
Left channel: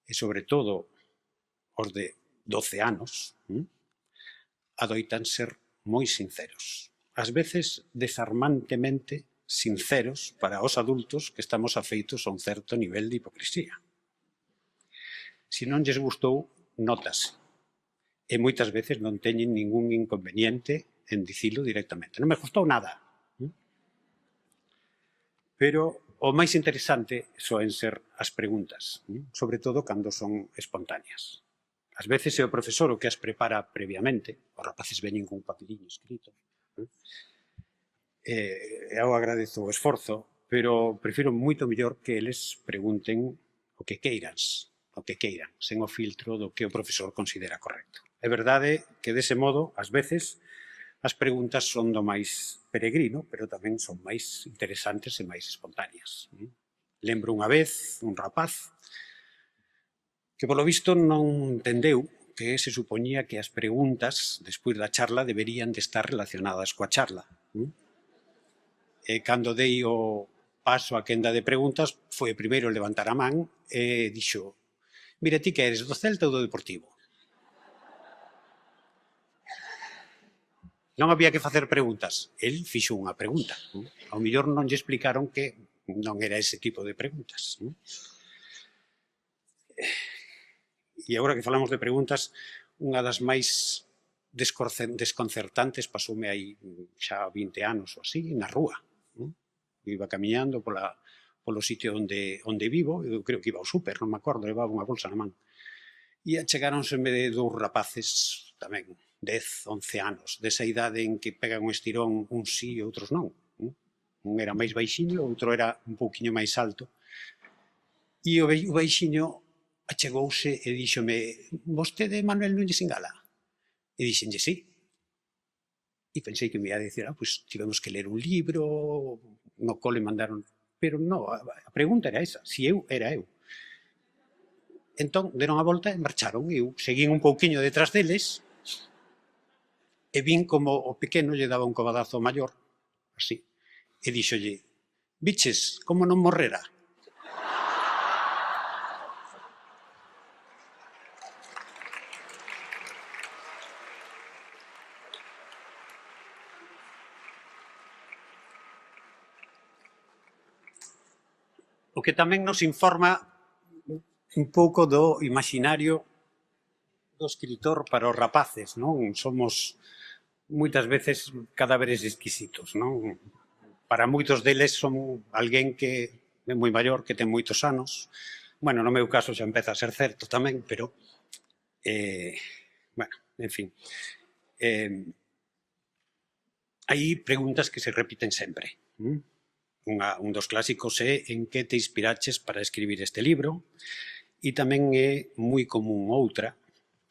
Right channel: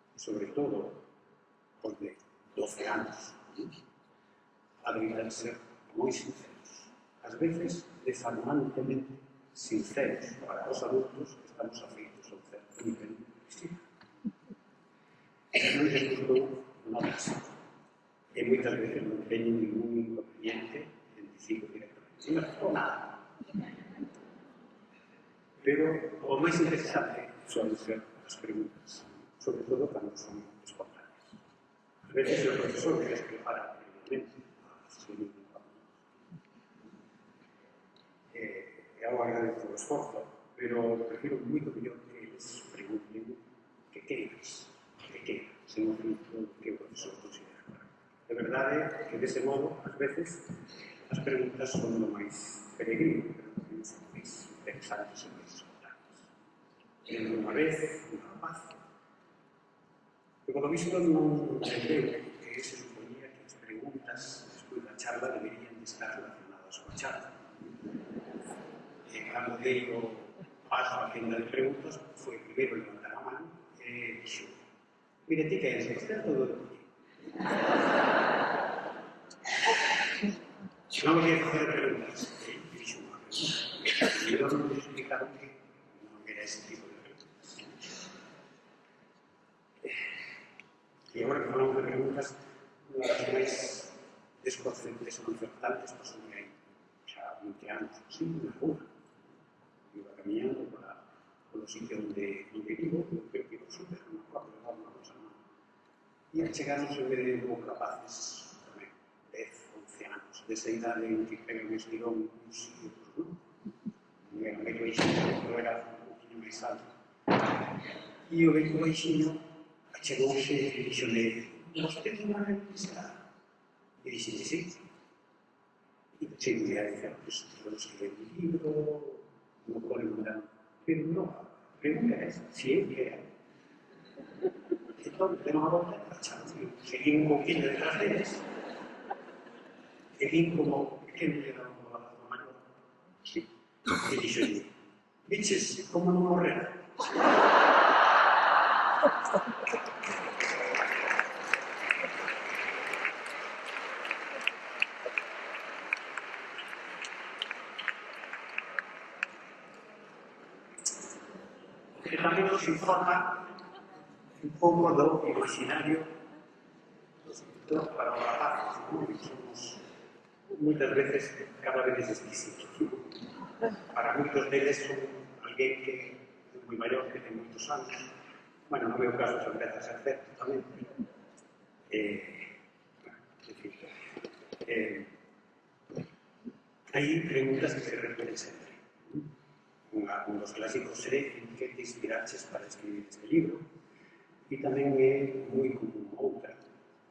e sobre todo os de 12 anos, adoitan ser moi sinceros. Ás veces, desarmantemente sinceros para os adultos que estamos afeitos a un certo nivel de hipocrisía. Se non lles gustou, notase. E moitas veces non teñen ningún inconveniente en dicilo directamente. Non me gustou nada. Pero o máis interesante soen ser as preguntas, sobre todo cando son espontáneas. Ás veces é o profesor o que as prepara previamente, os rapaces veñen con un papelillo escrito. Eu agradezo o esforzo, pero prefiro moito mellor que eles pregunten o que queiran, sen o filtro do que o profesor considera correcto. É verdade que dese modo, ás veces, as preguntas son do máis peregrino, pero tamén son máis interesantes e máis espontáneas. Lembro unha vez un rapaz que, polo visto, non entendeu que se supoñía que as preguntas, despois da charla, deberían de estar relacionadas coa charla. E cando dei o paso a quenda de preguntas, foi o primeiro a levantar a man e dixo, mira, ti que eres, do Celta ou do Deportivo? Non había que facer preguntas. El fixo unha pregunta. Ao mellor non lle explicaron que non era ese tipo de preguntas. E agora que falamos de preguntas, unha das máis desconcertantes pasoume aí xa 20 anos ou así, na rúa. Iba camiñando polo sitio onde vivo, eu creo que iba ao súper, non me acordo, levaba unha bolsa na man. E achegáronse dous rapaces tamén, 10, 11 anos, desa idade en que pegan un estirón, uns sí e outros non. Un era máis baixiño, outro era un pouquiño máis alto. E o baixiño achegouse e díxome, vostede é Manuel Núñez Ingala? E dixenlle, sí. E pensei que me ia dicir, pois tivemos que ler un libro, no cole mandaron... Pero non, a pregunta era esa, si eu era eu. Entón, deron a volta e marcharon, e eu seguín un pouquiño detrás deles, e vin como o pequeno lle daba un cobadazo ao maior, así, e dixolle: viches como non morrera? O que tamén nos informa un pouco do imaginario do escritor para os rapaces, non? Somos moitas veces cadáveres exquisitos, non? Para moitos deles son alguén que é moi maior, que ten moitos anos. Bueno, no meu caso xa empeza a ser certo tamén, pero bueno, en fin. Hai preguntas que se repiten sempre. Un dos clásicos é en que te inspiraches para escribir este libro, e tamén é moi común outra,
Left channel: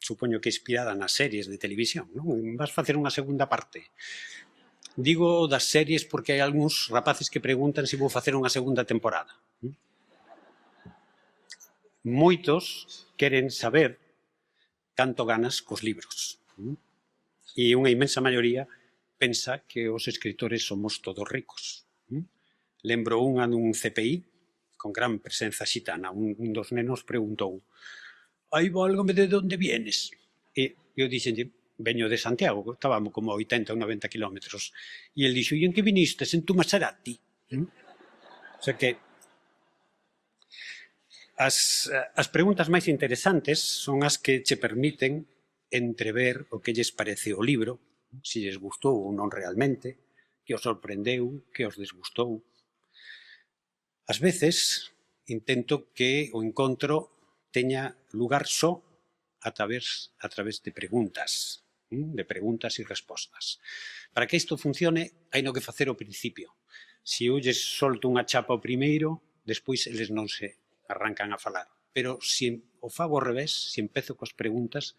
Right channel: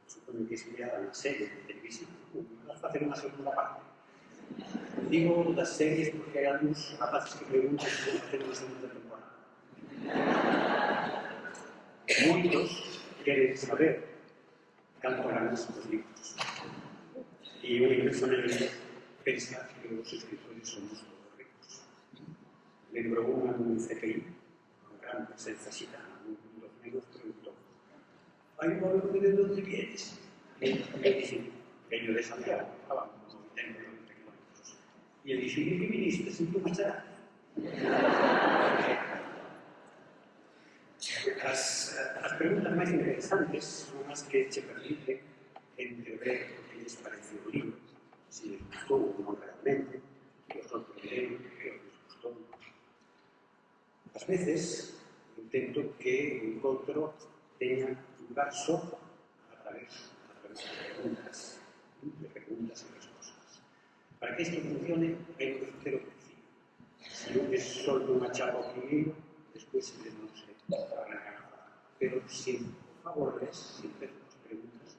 supoño que inspirada nas series de televisión, non? Vas facer unha segunda parte. Digo das series porque hai algúns rapaces que preguntan se vou facer unha segunda temporada. Moitos queren saber canto ganas cos libros. E unha inmensa maioría pensa que os escritores somos todos ricos. Lembro unha dun CPI con gran presenza xitana. Un dos nenos preguntou: "Ai, válgame, de onde vienes?" E eu dixenlle: "Veño de Santiago", estábamos como 80 ou 90 kilómetros. E el dixo: "E en que vinistes? En tu Maserati?" O sea que as preguntas máis interesantes son as que che permiten entrever o que lles parece o libro, se lles gustou ou non realmente, que os sorprendeu, que os desgustou. Ás veces intento que o encontro teña lugar só a través de preguntas e respostas. Para que isto funcione, hai no que facer ao principio. Se eu lles solto unha chapa ao primeiro, despois eles non se arrancan a falar. Pero se o fago ao revés, se empezo coas preguntas,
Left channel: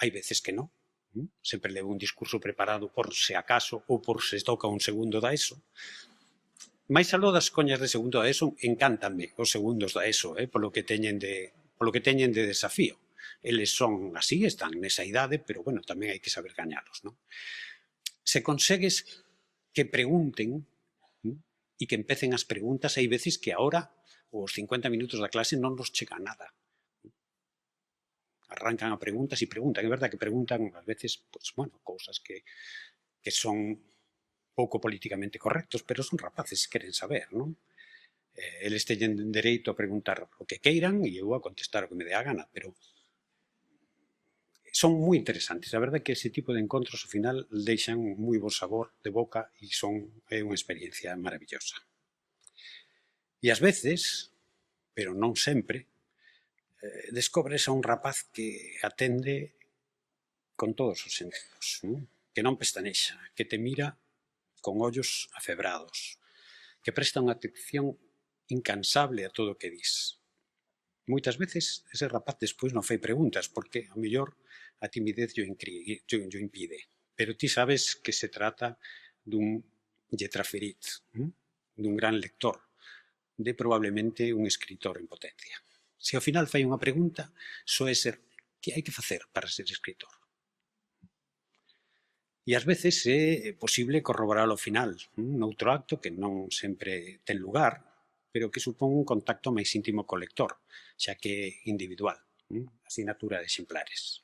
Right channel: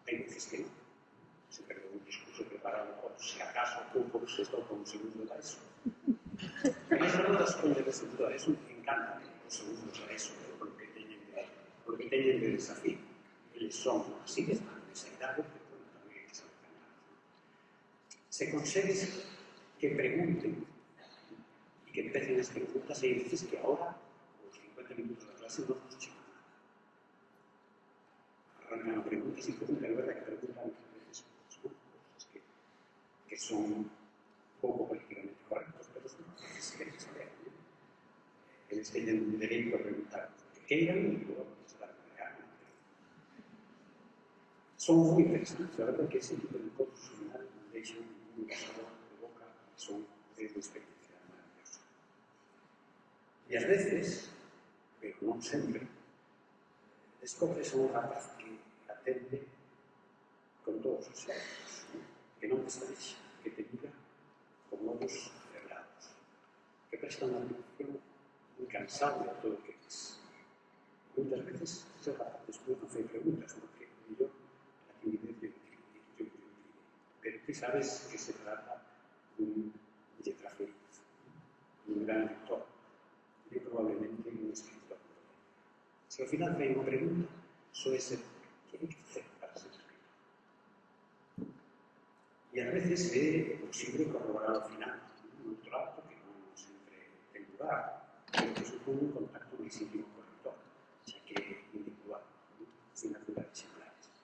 hai veces que non. Sempre levo un discurso preparado por se acaso ou por se toca un segundo da ESO. Mais aló das coñas de segundo da ESO, encántanme os segundos da ESO, polo que teñen de desafío. Eles son así, están nesa idade, pero, bueno, tamén hai que saber gañalos, non? Se consegues que pregunten e que empecen as preguntas, hai veces que ahora, os 50 minutos da clase, non nos chega nada. Arrancan a preguntas e preguntan. É verdade que preguntan, ás veces, pues, bueno, cousas que son pouco políticamente correctos, pero son rapaces que queren saber, non? Eles teñen dereito a preguntar o que queiran e eu a contestar o que me dé a gana, pero son moi interesantes. A verdade é que ese tipo de encontros, ao final, deixan moi bo sabor de boca e é unha experiencia maravillosa. E ás veces, pero non sempre, descobres a un rapaz que atende con todos os sentidos, que non pestanexa, que te mira con ollos afebrados, que presta unha atención incansable a todo o que dis. Moitas veces ese rapaz despois non fai preguntas, porque a mellor a timidez yo impide. Pero ti sabes que se trata dun lletraferit, dun gran lector, de probablemente un escritor en potencia. Se ao final fai unha pregunta, soe ser que hai que facer para ser escritor. E ás veces é posible corroborar ao final, noutro acto que non sempre ten lugar, pero que supón un contacto máis íntimo co lector, xa que é individual, asinatura de exemplares.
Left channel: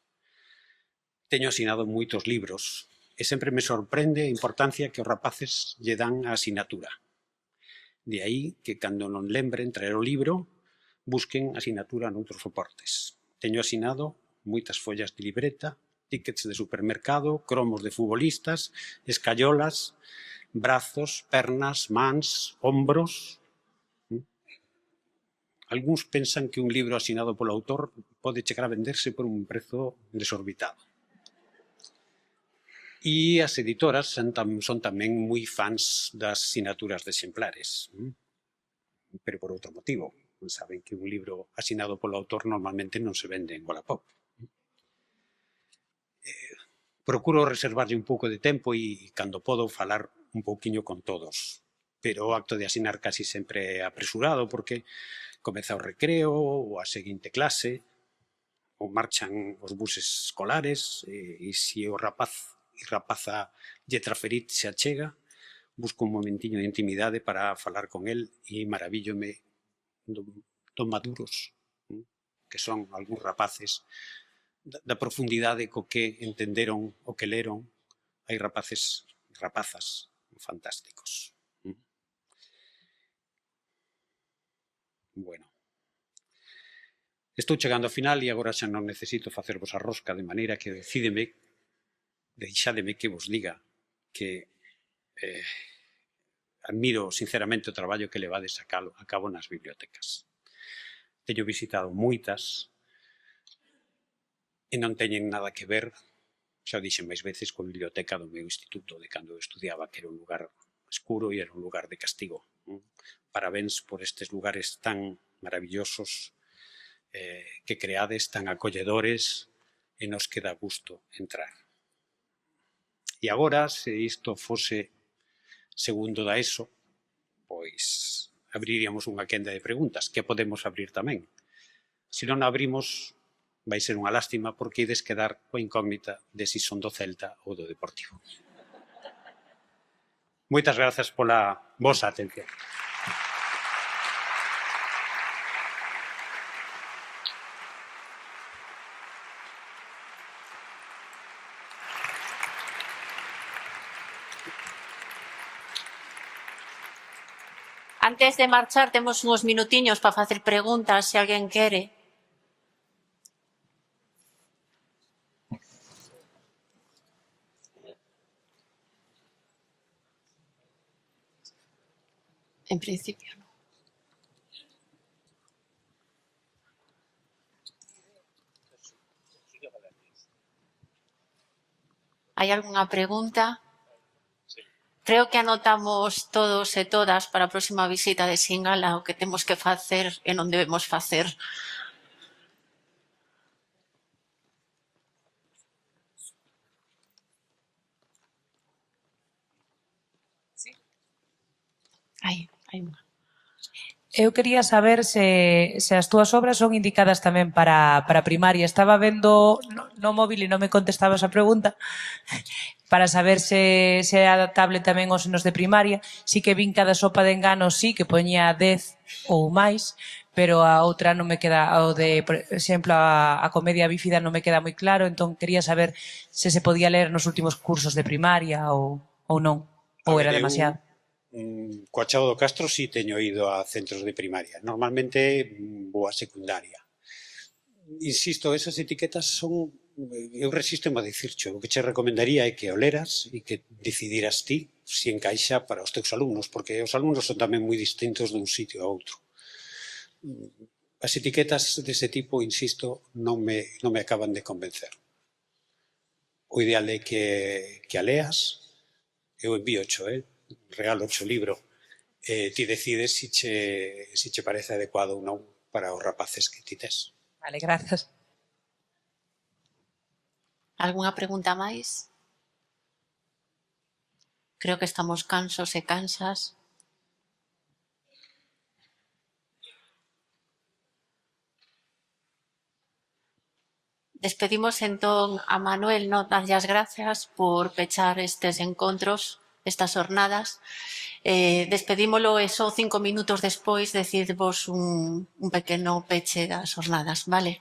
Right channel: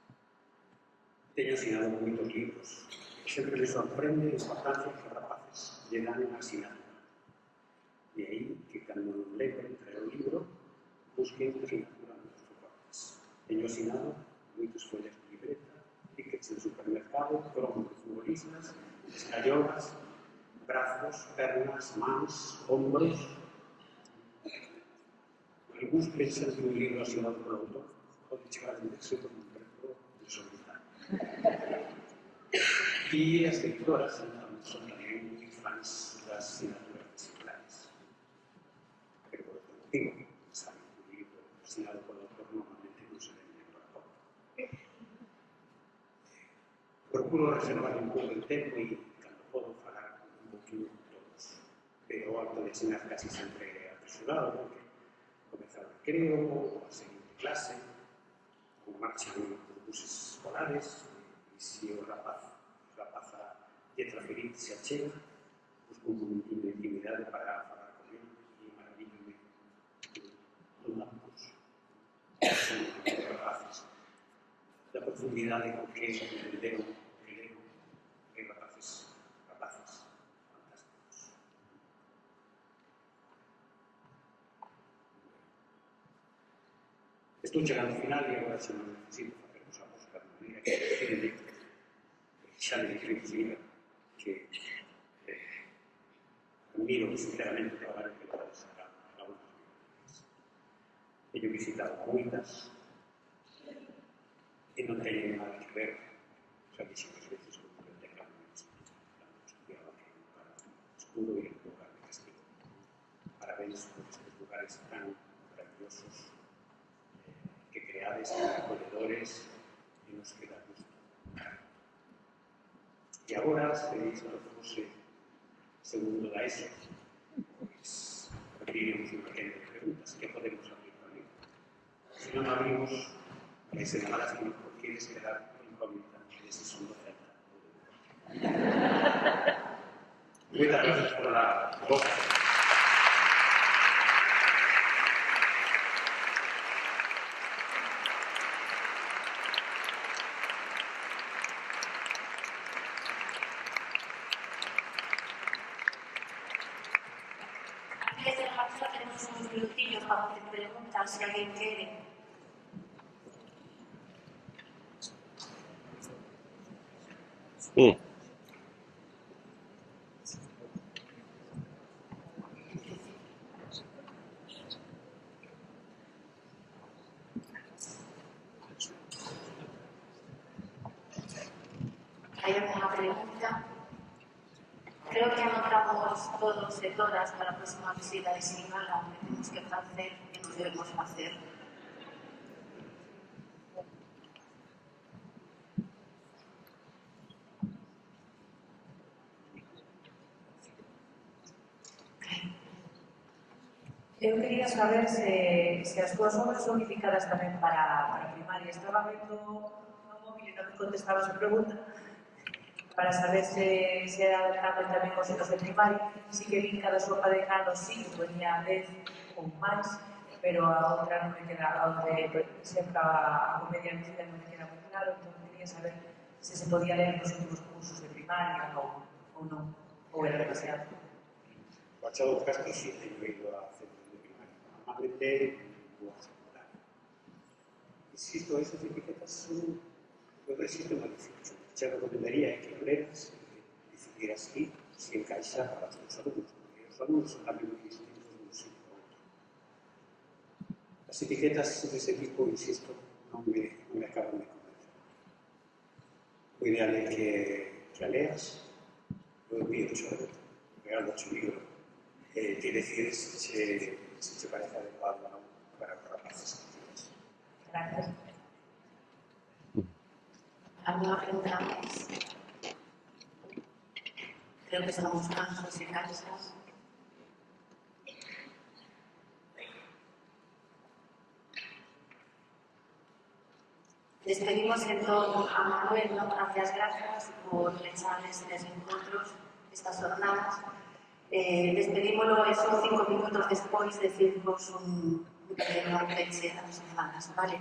Teño asinado moitos libros e sempre me sorprende a importancia que os rapaces lle dan a asinatura. De aí que, cando non lembren traer o libro, busquen asinatura noutros soportes. Teño asinado moitas follas de libreta, tickets de supermercado, cromos de futbolistas, escayolas, brazos, pernas, mans, hombros. Algúns pensan que un libro asinado polo autor pode chegar a venderse por un prezo desorbitado. E as editoras son tamén moi fans das sinaturas de exemplares, pero por outro motivo. Saben que un libro asinado polo autor normalmente non se vende en Wallapop. Procuro reservarlle un pouco de tempo e, cando podo, falar un pouquiño con todos. Pero o acto de asinar casi sempre é apresurado, porque comeza o recreo, ou a seguinte clase, ou marchan os buses escolares, e se o rapaz e rapaza lletraferit se achega, busco un momentiño de intimidade para falar con el e maravíllome do maduros que son algúns rapaces, da profundidade co que entenderon o que leron. Hai rapazas fantásticos. Bueno, estou chegando ao final e agora xa non necesito facervos a rosca, de maneira que deixádeme que vos diga que admiro sinceramente o traballo que levades a cabo nas bibliotecas. Teño visitado moitas e non teñen nada que ver, xa o dixen máis veces, con a biblioteca do meu instituto, de cando eu estudiaba, que era un lugar escuro e era un lugar de castigo. Parabéns por estes lugares tan maravillosos que creades, tan acolledores e nos que dá gusto entrar. E agora, se isto fose segundo da ESO, pois abriríamos unha quenda de preguntas, que podemos abrir tamén. Se non a abrimos, vai ser unha lástima porque ides quedar coa incógnita de si son do Celta ou do Deportivo. Moitas grazas pola vosa atención. Antes de marchar, temos uns minutiños para facer preguntas, se alguén quere. En principio. Hai algunha pregunta? Creo que anotamos todos e todas para a próxima visita de Singala o que temos que facer e non debemos facer. Hai unha. Eu quería saber se as túas obras son indicadas tamén para primaria. Estaba vendo no móvil e non me contestabas a pregunta para saber se é adaptable tamén aos nenos de primaria. Sí que vin cada sopa de engano, sí, que poñía 10 ou máis, pero a outra non me queda, o de, por exemplo, a comedia bífida non me queda moi claro, entón quería saber se se podía ler nos últimos cursos de primaria ou non, ou era demasiado. Coa Chao do Castro si teño ido a centros de primaria. Normalmente vou a secundaria. Insisto, esas etiquetas son... Eu resisto a dicircho. O que che recomendaría é que o leras e que decidiras ti se encaixa para os teus alumnos, porque os alumnos son tamén moi distintos dun sitio a outro. As etiquetas dese tipo, insisto, non me acaban de convencer. O ideal é que a leas. Eu envíocho, regalocho o libro, ti decides se che parece adecuado ou non para os rapaces que ti tes. Vale, grazas. Algunha pregunta máis? Creo que estamos cansos e cansas. Despedimos entón a Manuel, darlle as grazas por pechar estes encontros, estas jornadas. Despedímolo e só 5 minutos despois decidvos un pequeno peche das jornadas, vale?